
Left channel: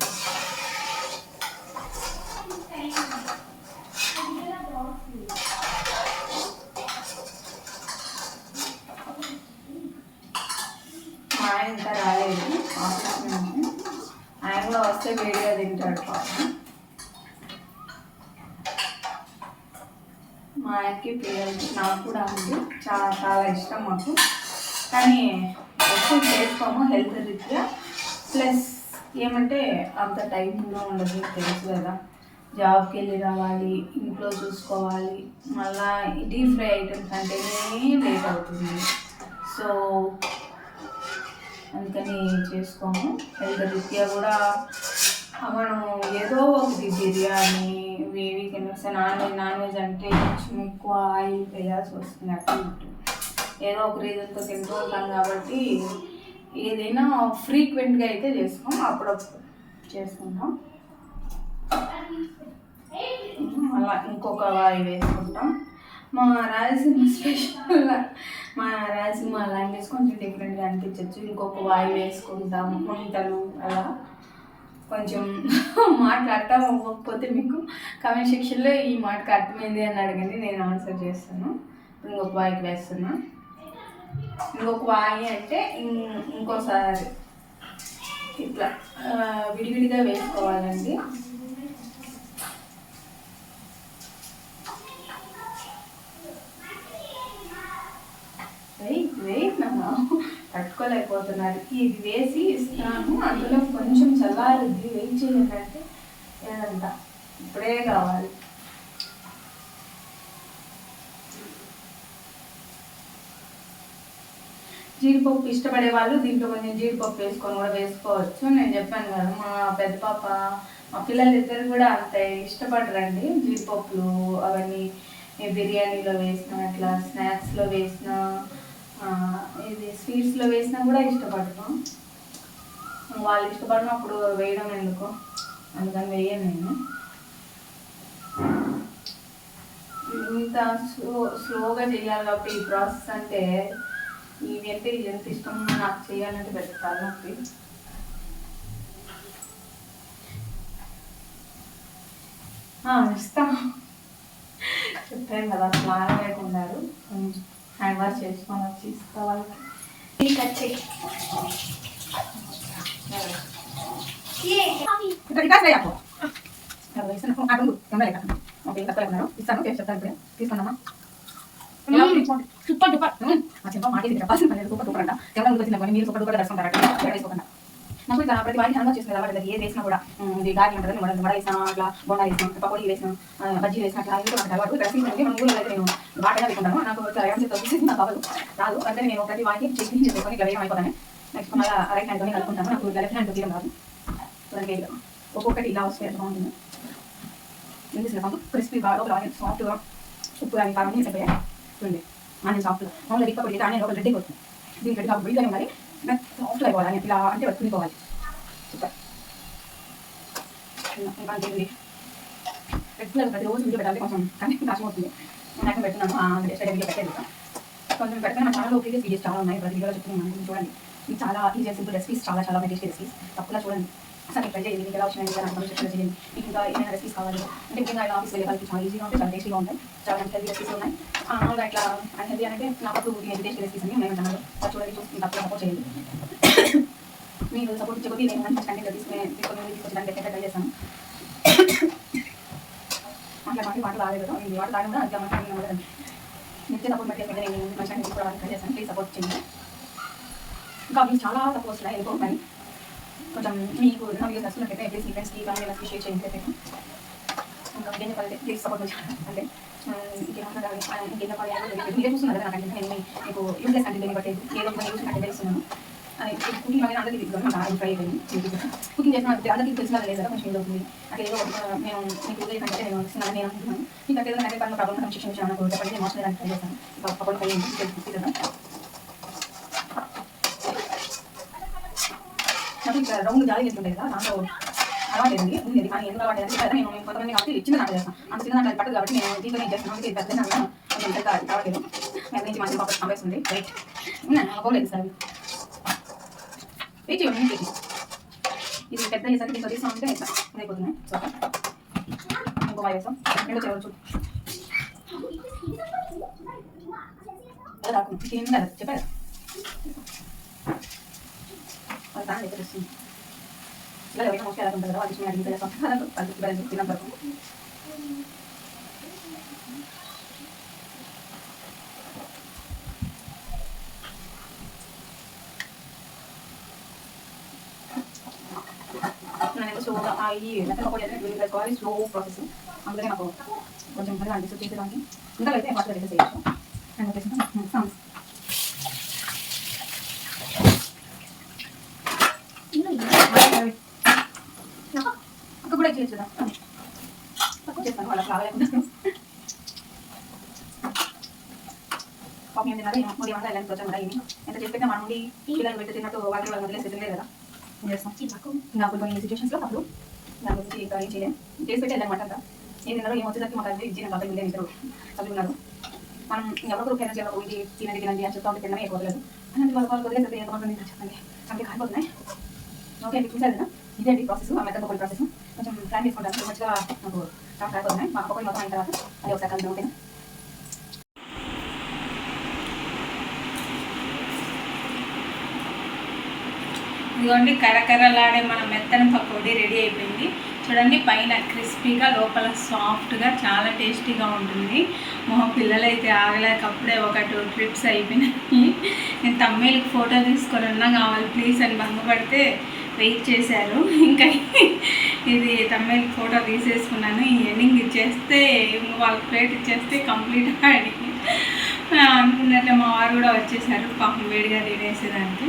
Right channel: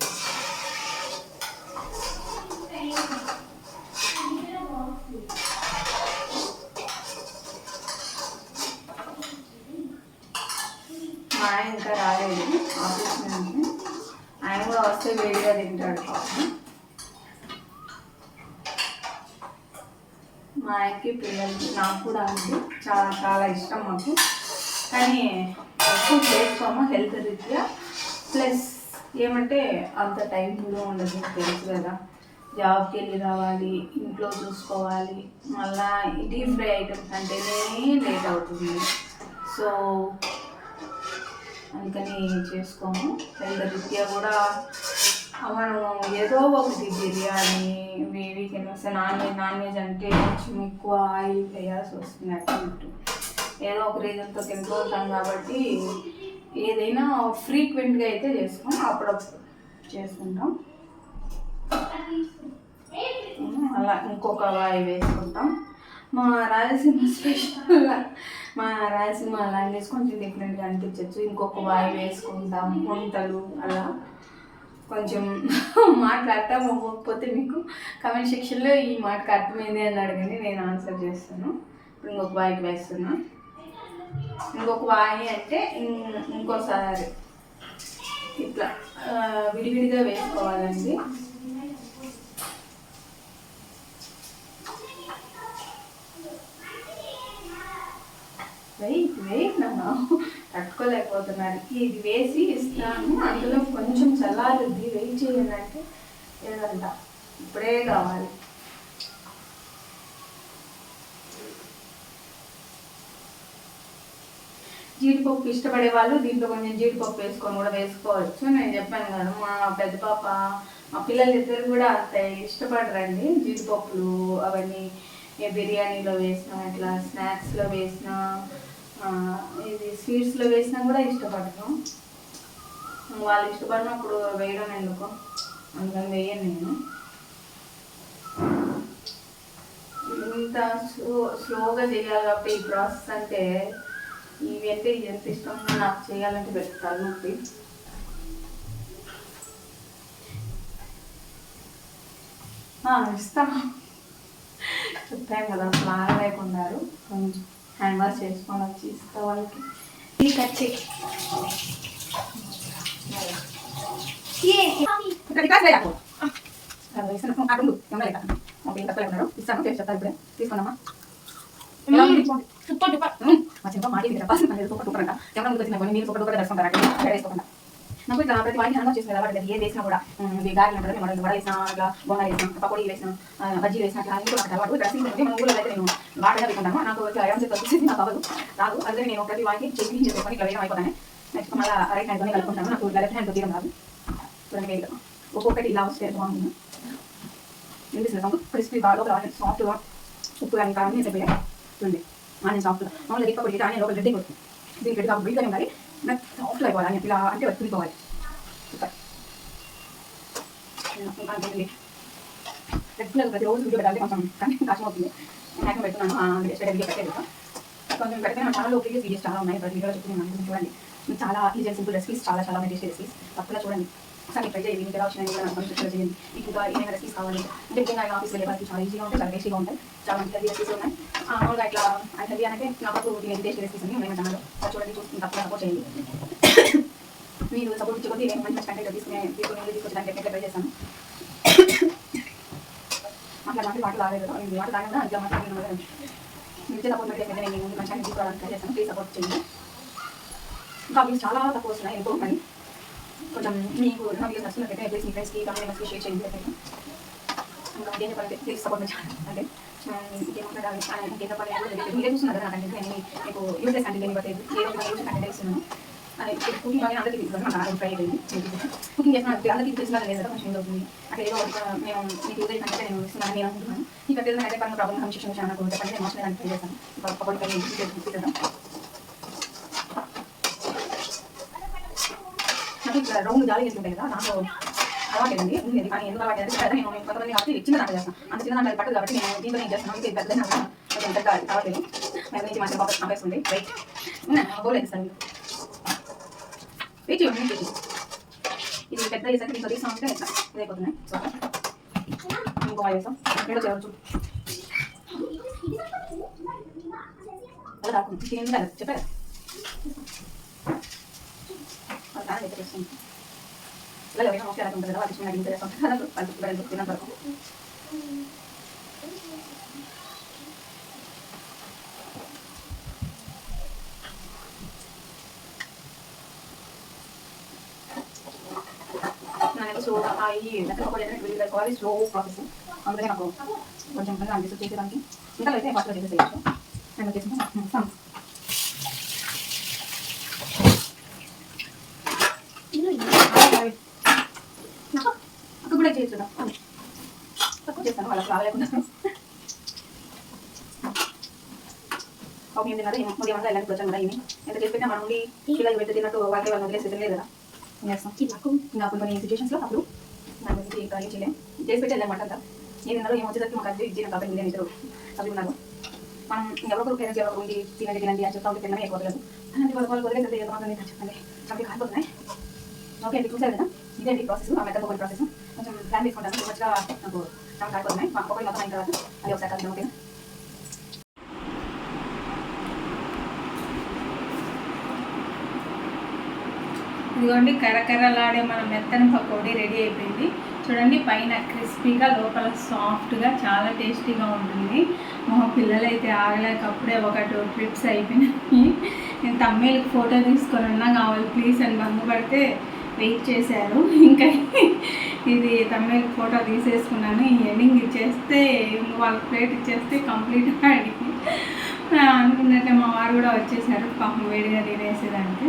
మా ఆయన ఇంకా రాలేదు ఆఫీస్ నుంచి. ఆయన కూడా వస్తే వేడిగా తింటాడు పాపం. మా ఆయనకి పిల్లలకి నాకు కూడా అండి చాలా చాలా ఇష్టం మాకు. కానీ ఎక్కువ చేసుకోము హెల్త్ రీత్యా. ప్లస్ ఏమంటే అంత టైం కూడా ఉండదు, తెలుసు కదా. జాబ్కి వెళ్ళి రావాలి, ఇంట్లో చూసుకోవాలి, మళ్ళీ డీప్ ఫ్రై ఐటమ్స్ అంటేనే లేట్ అవుతుంది. సో అందుకని చేసుకోము. హెల్త్ రీత్యా కూడా మనం ఏదో ఒకటి బిర్యానీ, వీకెండ్ వస్తే నాన్ వెజ్ అంటే కొంచెం ఎక్కువ ఆయిల్ వేయాల్సి వస్తుంది. అటు ఏదో ఒక రీజన్తో తింటూ ఉంటాం కాబట్టి ఏదైనా ఫ్రీక్వెంట్గా అయితే చేసుకోం, అప్పుడప్పుడు చేసుకుంటాం. అలా ఇంకొక వాయి వేసుకుంటాం. మా రాయలసీమ స్పెషల్, మా రాయలసీమ లాంగ్వేజ్ కొంచెం డిఫరెంట్గా అనిపించవచ్చు. ఇంకొక వాయి వేసుకుంటాం, వంటలు అలా. కొంచెం మాట్లాడటం అవ్వకపోతే మీకు కామెంట్ సెక్షన్లో ఈ మాటకు అర్థమైంది అని అడగండి, నేను ఆన్సర్ చేస్తాను. ఇప్పుడు ఇంకొక వాయికి వేస్తున్నా. ఇంకొక వాయి అంటే ఇంకోసారి ఇట్లా విడివిడిగా వేసుకోవాలండి. వెయిట్ నన్ను తట్టుకోలేకపోతున్నారు. ఇది వేసి ఇస్తాను, అందులో కొంచెం చల్లారుద్ది, వెయిట్ చేయండి అంటే ఏదంట ఇప్పుడే కావాలి. జీడిపప్పు ఇష్టపడే వాళ్ళు దీంట్లో కొంచెం జీడిపప్పు వేసుకొని కూడా వేసుకోవచ్చు. నేను చెప్పాను కదా, మా పెద్ద పాప, మా పిల్లలు ఇద్దరు కూడా అంత ఇష్టపడరండి జీడిపప్పులు అవన్నీ. బిర్యానీలో వేసిన, ఇట్లా స్నాక్స్లో వేసిన, ఇది స్వీట్స్లో వేసినా కూడా ఇష్టపడతాం. వాళ్ళు ఇష్టపడినప్పుడు వేయడం ఎందుకు, అందుకని వేయను నేను. ఇంత స్లోగా చేయాలి కాబట్టి ఈ ప్రాసెస్ అంటే, ఇవి అంటే ఎంత ఇష్టంగా నాకు చేయాలంటే పెడతాను నొప్పి. ఇస్తాం, చెప్పాను కదా, ప్లాన్ లేకున్నారు. కొంచెం హ్యాండ్ వాష్ చేసుకొని వచ్చి ఇస్తా వాళ్ళకి. ఇస్తాను, చెప్తాను ఇప్పుడు. తీసుకున్నామా సూపర్ డూపర్. మా చెప్ప మాట సూపర్ డూపర్ అంట. ఎవరైనా ముందుకు వచ్చిన మీరు సూపర్ డూపర్ దర్శనం వేసుకోకుండా నాకు ఇట్లా ప్రతి వారికి హ్యాండ్ వాష్ చేసుకునే అలవాటు. ఏది వేసినా కూడా ఇది గాలి ఉంటుంది, మనం వడ వేసినా, అట్లా బొమ్మ వేసినా, పకోడీ వేసినా, బజ్జీ వేసినా, అట్లా ఇంట్లో నాకు అలవాటు. డ్రెస్సింగ్ మన ఊళ్ళో అయితే నేను బాగా పెట్టుకుంటాను. నాకు ఇట్లా ఐరన్ చేసి వచ్చేసి నాకు అవ్వదు, రాదు. అందుకని నేను ప్రతి వారికి చెక్కింగ్ చేసుకొని ఇట్లా వేయడం అయిపోతాను. నెక్స్ట్ మళ్ళీ రైట్ హ్యాండ్తో కలుపుకుంటాను. నాకు లెఫ్ట్ హ్యాండ్ తీయడం రాదు. చూడండి ఒక్కొక్కటి ఇలా వస్తే బాగుంటుంది. ఎందుకు క్రిస్పీ బాగా లోపల సాఫ్ట్గా ఉప్పు కానీ కారం వేసిపోయాయి. చూడండి ఆనియన్ సాఫ్ట్గా మామూలుగా ఎక్కువ పడితే ఆనియన్ లోపల రెడ్ అయిపోతుంది. దీనికి రెడ్ కాబట్టి వీడియోనే మరి నాకు సాఫ్ట్గా అయిపోవాలి అని ఇలా అంటే తునిపోవాలి. సూపర్. ఇంకా రెగ్యులర్ ప్రతిరోజు వీడియో పెట్టాలి, కొంచెం కంటెంట్ కష్టం అవుతుంది. నేను పెడుతున్నాను, వీడియో పెట్టేది కొంచెం పెడితే నా ఛానల్లో ప్రీవియస్ వీడియోస్ చాలా ఉన్నాయి. ప్రతి వీడియోలో చెప్తున్నాను, చూడండి. చాలా ఈజీ సింపుల్ రెసిపీస్, చాలా చాలా టేస్టీ రెసిపీస్, తప్పకుండా చూడండి. అసలు మీకు ట్రై చేయండి. మీకు ఎలా వచ్చినాయి నాకు కామెంట్ సెక్షన్లో చేయండి. మీకు ఇంకా ఏమైనా రెసిపీస్ కావాలి అంటే ముఖ్యంగా ఇలా ఆఫీస్ వెళ్ళే వాళ్ళకి చాలా ఈజీగా ఉంటాయి, చాలా టేస్టీగా ఉంటాయి, చాలా మంచి హెల్తీ రెసిపీస్ ఉన్నాయి. మామూలుగా ఇట్లా అండ్ హెల్తీ అంటే నాకు దీని టేస్ట్ రెసిపీస్ అన్ని ఉన్నాయి ఛానల్లో. చూడండి, చూసుకుని తప్పకుండా సపోర్ట్ చేయండి. మీరు సపోర్ట్ ఇచ్చకపోతే నేను మంచి కంటెంట్ తీసుకొచ్చడానికి అయితే ట్రై చేస్తాను. మాటలు రాలేదు కదా, నేను వాటర్ తాగినా అదే మాట్లాడిన కదా. నిజంగా సపోర్ట్ పెట్టేసి నేను మంచి కంటెంట్ తీసుకోవడానికి ట్రై చేస్తాను. ప్లీజ్ సపోర్ట్ చేయండి. ఇంకా మీకు చాలా తక్కువ వస్తున్నాయి ఎందుకో మరి కొంచెం మీకు నా వీడియోస్ నచ్చుతున్నట్లయితే ప్లీజ్ మీ ఫ్రెండ్స్కి ఫ్యామిలీ మెంబర్స్కి షేర్ చేయండి. ఇంకా ఇంకేం చెప్పాలంటే ప్లీజ్ సపోర్ట్ చేయాలి. అంటే ఇంకేం మాట్లాడాలి, ఇంకేం చెప్పాలి మీరే చూస్తున్నారు కదా నా కంటెంట్. నేను మీకు యూజ్లెస్ కంటెంట్ బట్టి ఏదో ఒక యూజ్ కంటెంట్ ఇస్తున్నాను. అని కుకింగ్ అనేది అందరికీ తీసుకున్నాను, నాకు ట్రై అయిపోయింది. కుకింగ్ చేసిన అందరికీ తెలిసిన లేదు కదా, కొంచెం అవుతుంది. అట్లా ఏదో నేను మీకు యూజ్ కంటే నేను ఇస్తున్నాను నేను అనుకుంటున్నాను. మీకు అట్లా ఏదైనా పనులు ప్రాబ్లమ్ కమిషన్ విషయం నాకు చెప్పండి, నేను మోసలేదని ట్రై చేస్తాను. పప్పులు పై చూపిద్దాం. నాకు ఇక్కడ రౌండ్ జాలి చేస్తుంటాయి కదా, దాంట్లో అలవాటేదండి ఉండేది. కానీ ఎందుకు అలవాటు అంటే నేను కొంతమంది కాబట్టి చిన్న దాంట్లో చేస్తాను. అంత చిన్న దాంట్లో పట్టదు కాబట్టి నేను దీంట్లో నేను చేస్తాను. అందుకే పెద్దగా కొంచెం పెద్ద కావట్లేదు. దాని నుంచి మంచి పాప కావేస్తుంది. రైట్ బౌలేదు సార్ వెయిట్ చేయండి. ఇది పెద్ద వేసాక దీంట్లో తీసా ఉంటే ఇట్లా ఇదైపోతున్నాయి. సో ఇంకో వేసాం ఏదో చేయవచ్చు. అది రాకుండా ఏం లేదు చెప్పారు వాళ్ళు దాని దగ్గర వస్తుంది. ఇలా ఎవరైనా మోస్ట్ ఎలా ఉంటుంది కదా, వాళ్ళు చిన్న ఇంత చేస్తాం వాళ్ళు తినంత వరకు. స్లోగా ఈ మెథడ్ స్లో ప్రాసెస్, అందుకనే నాకు కొంచెం అనిపిస్తుంది చేసేదానికి. ఇంకా అయితే ఫాస్ట్గా చేసేసేయచ్చు. నేను వచ్చేసి అక్క కూడా చేయొచ్చు కదా, తక్కువ చేస్తాను వాళ్ళకి రాలేకుండా. కాఫీ ఏం తిన్నారా ఉదయం అంతా వెళ్ళడానికి వచ్చాను కదా, ఇవి ఎంత చేసి పెట్టా మన నుండి పిల్లలు పెట్టి తిన్నట్టు వాళ్ళకి వాళ్ళు వదిలేసి తినలేదు కదా. నాకు కొన్ని సిచ్యువేషన్స్లో అప్పుడు దాని గురించి ఇంకా ఏం చేయలేము, చేసి పెట్టి వెళ్ళామాట. అంతా ఏం తిన్నారో ఏం వచ్చేసరికి మాకు అది ఇచ్చిన కాబట్టి వీళ్ళే ఇద్దరు చదువుకున్నారు. మనం ఎవరొకరు పేరెంట్స్ ఎవరు ఇంటి తినండి అని చెప్తా ఉంటే తినమే ఎక్కువ వదలదు. అలాంటి వాళ్ళకి వదిలేసి ఎంతమంది చెప్పండి కంప్లీట్ అయిపోతున్నాయి. ఓకే అండి, చూసారు కదా, ఇదే అండి ప్రాసెస్. ఆ మెథడ్ కొన్ని ప్రాసెస్ కొంచెం ప్లాన్ తీసుకుంటాను. సో మంచిగా నాకు అయిపోతున్నాయి. మా ఒక్కొక్కటి మొత్తం అయిన తర్వాత అది ఒకసారి కలిసి ఉంటుంది. ఇదిగోండి కరకరలాడే మన మెత్తన పకోడీ రెడీ అయిపోయింది. చూడండి, పైన క్రిస్పీగా లోపల సాఫ్ట్గా చాలా టేస్టీగా ఉంటుంది. మా పిల్లలైతే ఆగలేక అప్పుడే ఒక 2 ట్రిప్స్ అయిపోయినాయి. నేను తమ్మేళ్ళకి ఫోటో తీసుకొని ఉన్నా కావాలి ప్లీజ్ అని భంగపడితే వెయిట్ చేశారు. ఇంకా ఇది తమ్మేళ్ళకి ఫోటో తీసేసుకున్నాను. ఈ ఎండింగ్ ఇచ్చేస్తే వాళ్ళకి ప్లేట్ ఇచ్చేస్తే కంప్లీట్గా అడిగి అనుకున్నట్టే మా వారు కూడా వచ్చేసారు పాపం వేడిగా తినేసేదానికి.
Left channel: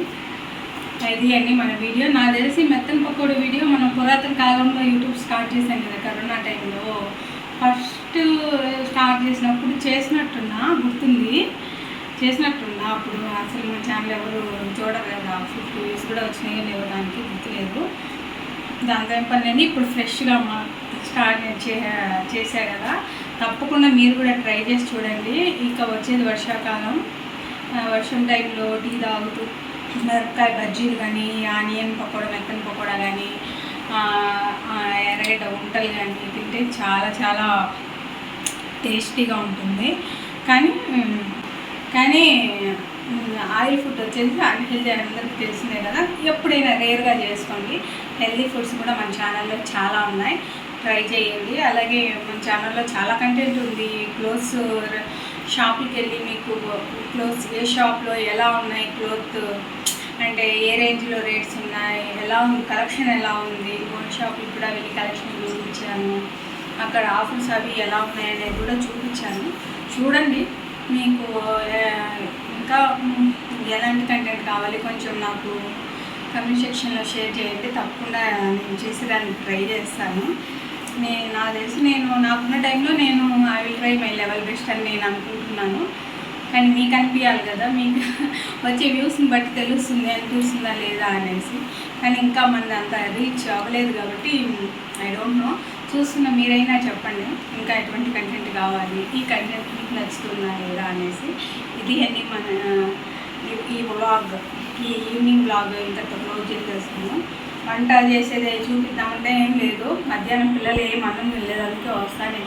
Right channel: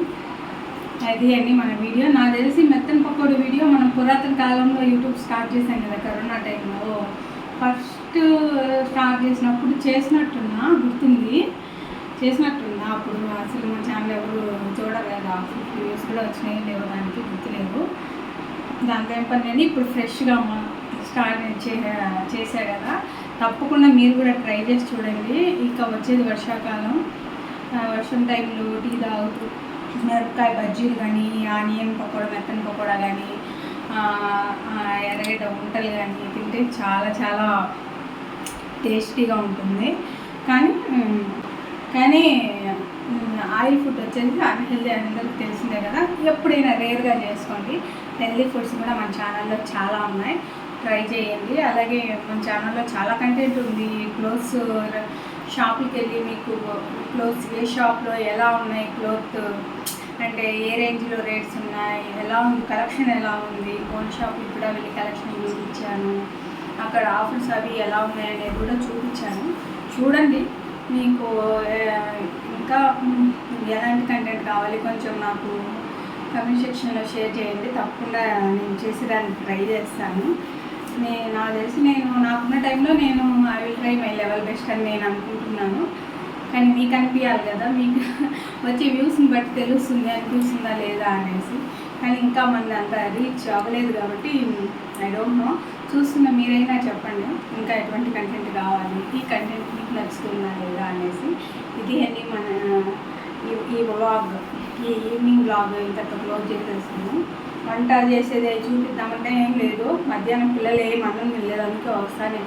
అది అండి మన వీడియో. నాకు తెలిసి మెత్తన పకోడీ వీడియో మనం పురాతన కాలంలో యూట్యూబ్ స్టార్ట్ చేశాం కదా కరోనా టైంలో. ఫస్ట్ స్టార్ట్ చేసినప్పుడు చేసినట్టున్నా గుర్తుంది, చేసినట్టున్నా అప్పుడు అసలు మన ఛానల్ ఎవరు చూడరు కదా, 50 views కూడా వచ్చినాయి లేవు దానికి గుర్తులేదు. దాంతో ఏం పని ఇప్పుడు ఫ్రెష్గా స్టార్ట్ చేశా కదా, తప్పకుండా మీరు కూడా ట్రై చేసి చూడండి. ఇక వచ్చేది వర్షాకాలం, వర్షం టైంలో టీ తాగుతూ మిరపకాయ బజ్జీలు కానీ, ఆనియన్ పకోడా, మెత్తన పకోడా కానీ, ఎర్రగడ్డ ఉంటలు కానీ తింటే చాలా చాలా టేస్టీగా ఉంటుంది. కానీ ఆయిల్ ఫుడ్ వచ్చేసి అన్హెల్దీ అందరికీ తెలిసిందే కదా, ఎప్పుడైనా రేర్గా చేసుకోండి. హెల్దీ ఫుడ్స్ కూడా మన ఛానల్లో చాలా ఉన్నాయి, ట్రై చేయండి. అలాగే మన ఛానల్లో చాలా కంటెంట్ ఉంది. క్లోత్స్ షాప్కి వెళ్ళి మీకు క్లోత్స్ ఏ షాప్లో ఎలా ఉన్నాయి, క్లోత్ అంటే ఏ రేంజ్లో రేట్స్ ఉన్నాయి, ఎలా ఉంది కలెక్షన్, ఎలా ఉంది, గోల్డ్ షాప్కి కూడా వెళ్ళి కలెక్షన్ చూపించాను. అక్కడ ఆఫర్స్ అవి ఎలా ఉన్నాయి అనేది కూడా చూపించాను. చూడండి, మీకు ఇంకా ఎలాంటి కంటెంట్ కావాలి కొంచెం నాకు కమెంట్ సెక్షన్లో షేర్ చేయండి. తప్పకుండా నేను చేసేదానికి ట్రై చేస్తాను. నాకు తెలిసి నాకున్న టైంలో I will try my level best అని నేను అనుకుంటున్నాను. కానీ మీకు అనిపించాలి కదా, మీకు వచ్చే వ్యూస్ని బట్టి తెలుస్తుంది అనిపిస్తుందా లేదా అనేసి. కానీ ఇంకా మంది అంత రీచ్ అవ్వలేదు కాబట్టి ఐ డోంట్ నో. చూస్తున్న మీరైనా చెప్పండి ఇంకా ఎటువంటి కంటెంట్ కావాలి, ఈ కంటెంట్ మీకు నచ్చుతుందా లేదా అనేసి. ఇది అండి మన ఈ వ్లాగ్, ఈ ఈవినింగ్ వ్లాగ్ ఇంతతో క్లోజ్ చేసేస్తాను. వంట చేసేది చూపిద్దామంటే ఏం లేదు. మధ్యాహ్నం పిల్లలు ఏం అన్నం తినలేదు, అందుకే వస్తానే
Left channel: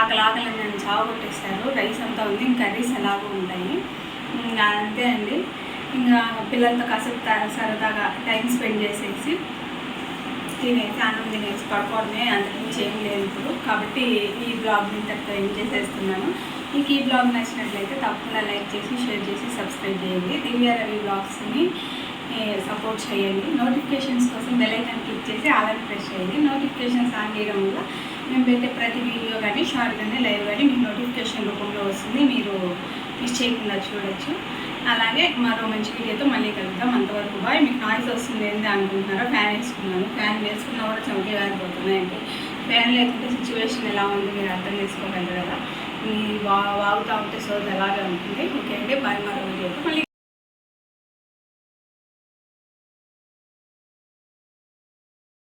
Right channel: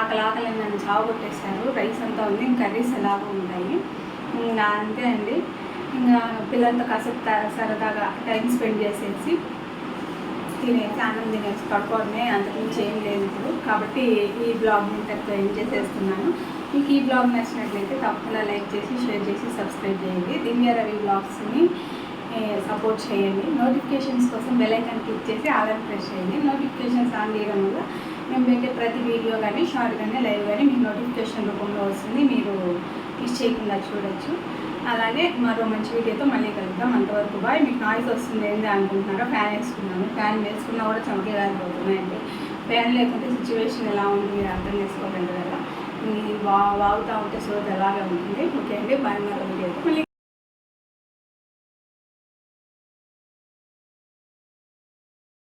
ఆకలి అని నన్ను చావు కొట్టేస్తారు. రైస్ అంతా ఉంది, ఇంకా కర్రీస్ ఎలాగో ఉంటాయి. ఇంకా అంతే అండి. ఇంకా పిల్లలతో కాసేపు సరదాగా టైం స్పెండ్ చేసేసి తినేసి అన్నం తినేసి పడుకోవడమే, అంతకుమించి ఏం లేదు ఇప్పుడు. కాబట్టి ఈ బ్లాగ్ని ఇంతటితో ఏం చేసేస్తున్నాను. మీకు ఈ బ్లాగ్ నచ్చినట్లయితే తప్పకుండా లైక్ చేసి, షేర్ చేసి, సబ్స్క్రైబ్ చేయండి. దివ్య రవి బ్లాగ్స్ని సపోర్ట్ చేయండి. నోటిఫికేషన్స్ కోసం బెల్ ఐకాన్ క్లిక్ చేసి ఆల్ అని ప్రెస్ చేయండి. నోటిఫికేషన్స్ ఆన్ చేయడం వల్ల మేము పెట్టే ప్రతి వీడియో కానీ, షార్ట్ కానీ, లైవ్ కానీ మీకు నోటిఫికేషన్ రూపంలో వస్తుంది. మీరు మిస్ చేయకుండా చూడొచ్చు. అలాగే మరో మంచి వీడియోతో మళ్ళీ కలుద్దాం. అంతవరకు బాయ్. మీకు నాయిస్ వస్తుంది ఏంటి అనుకుంటున్నారా? ఫ్యాన్ వేసుకున్నాను. ఫ్యాన్ వేసుకున్నా కూడా చెమటలు కారిపోతున్నాయండి. ఫ్యాన్ లేకుంటే సిచ్యువేషన్ ఎలా ఉంది మీరు అర్థం చేసుకోగలరు కదా. వాగుతూ ఉంటే సోది అలాగే ఉంటుంది. ఓకే అండి, బాయ్. మరో వీడియోతో మళ్ళీ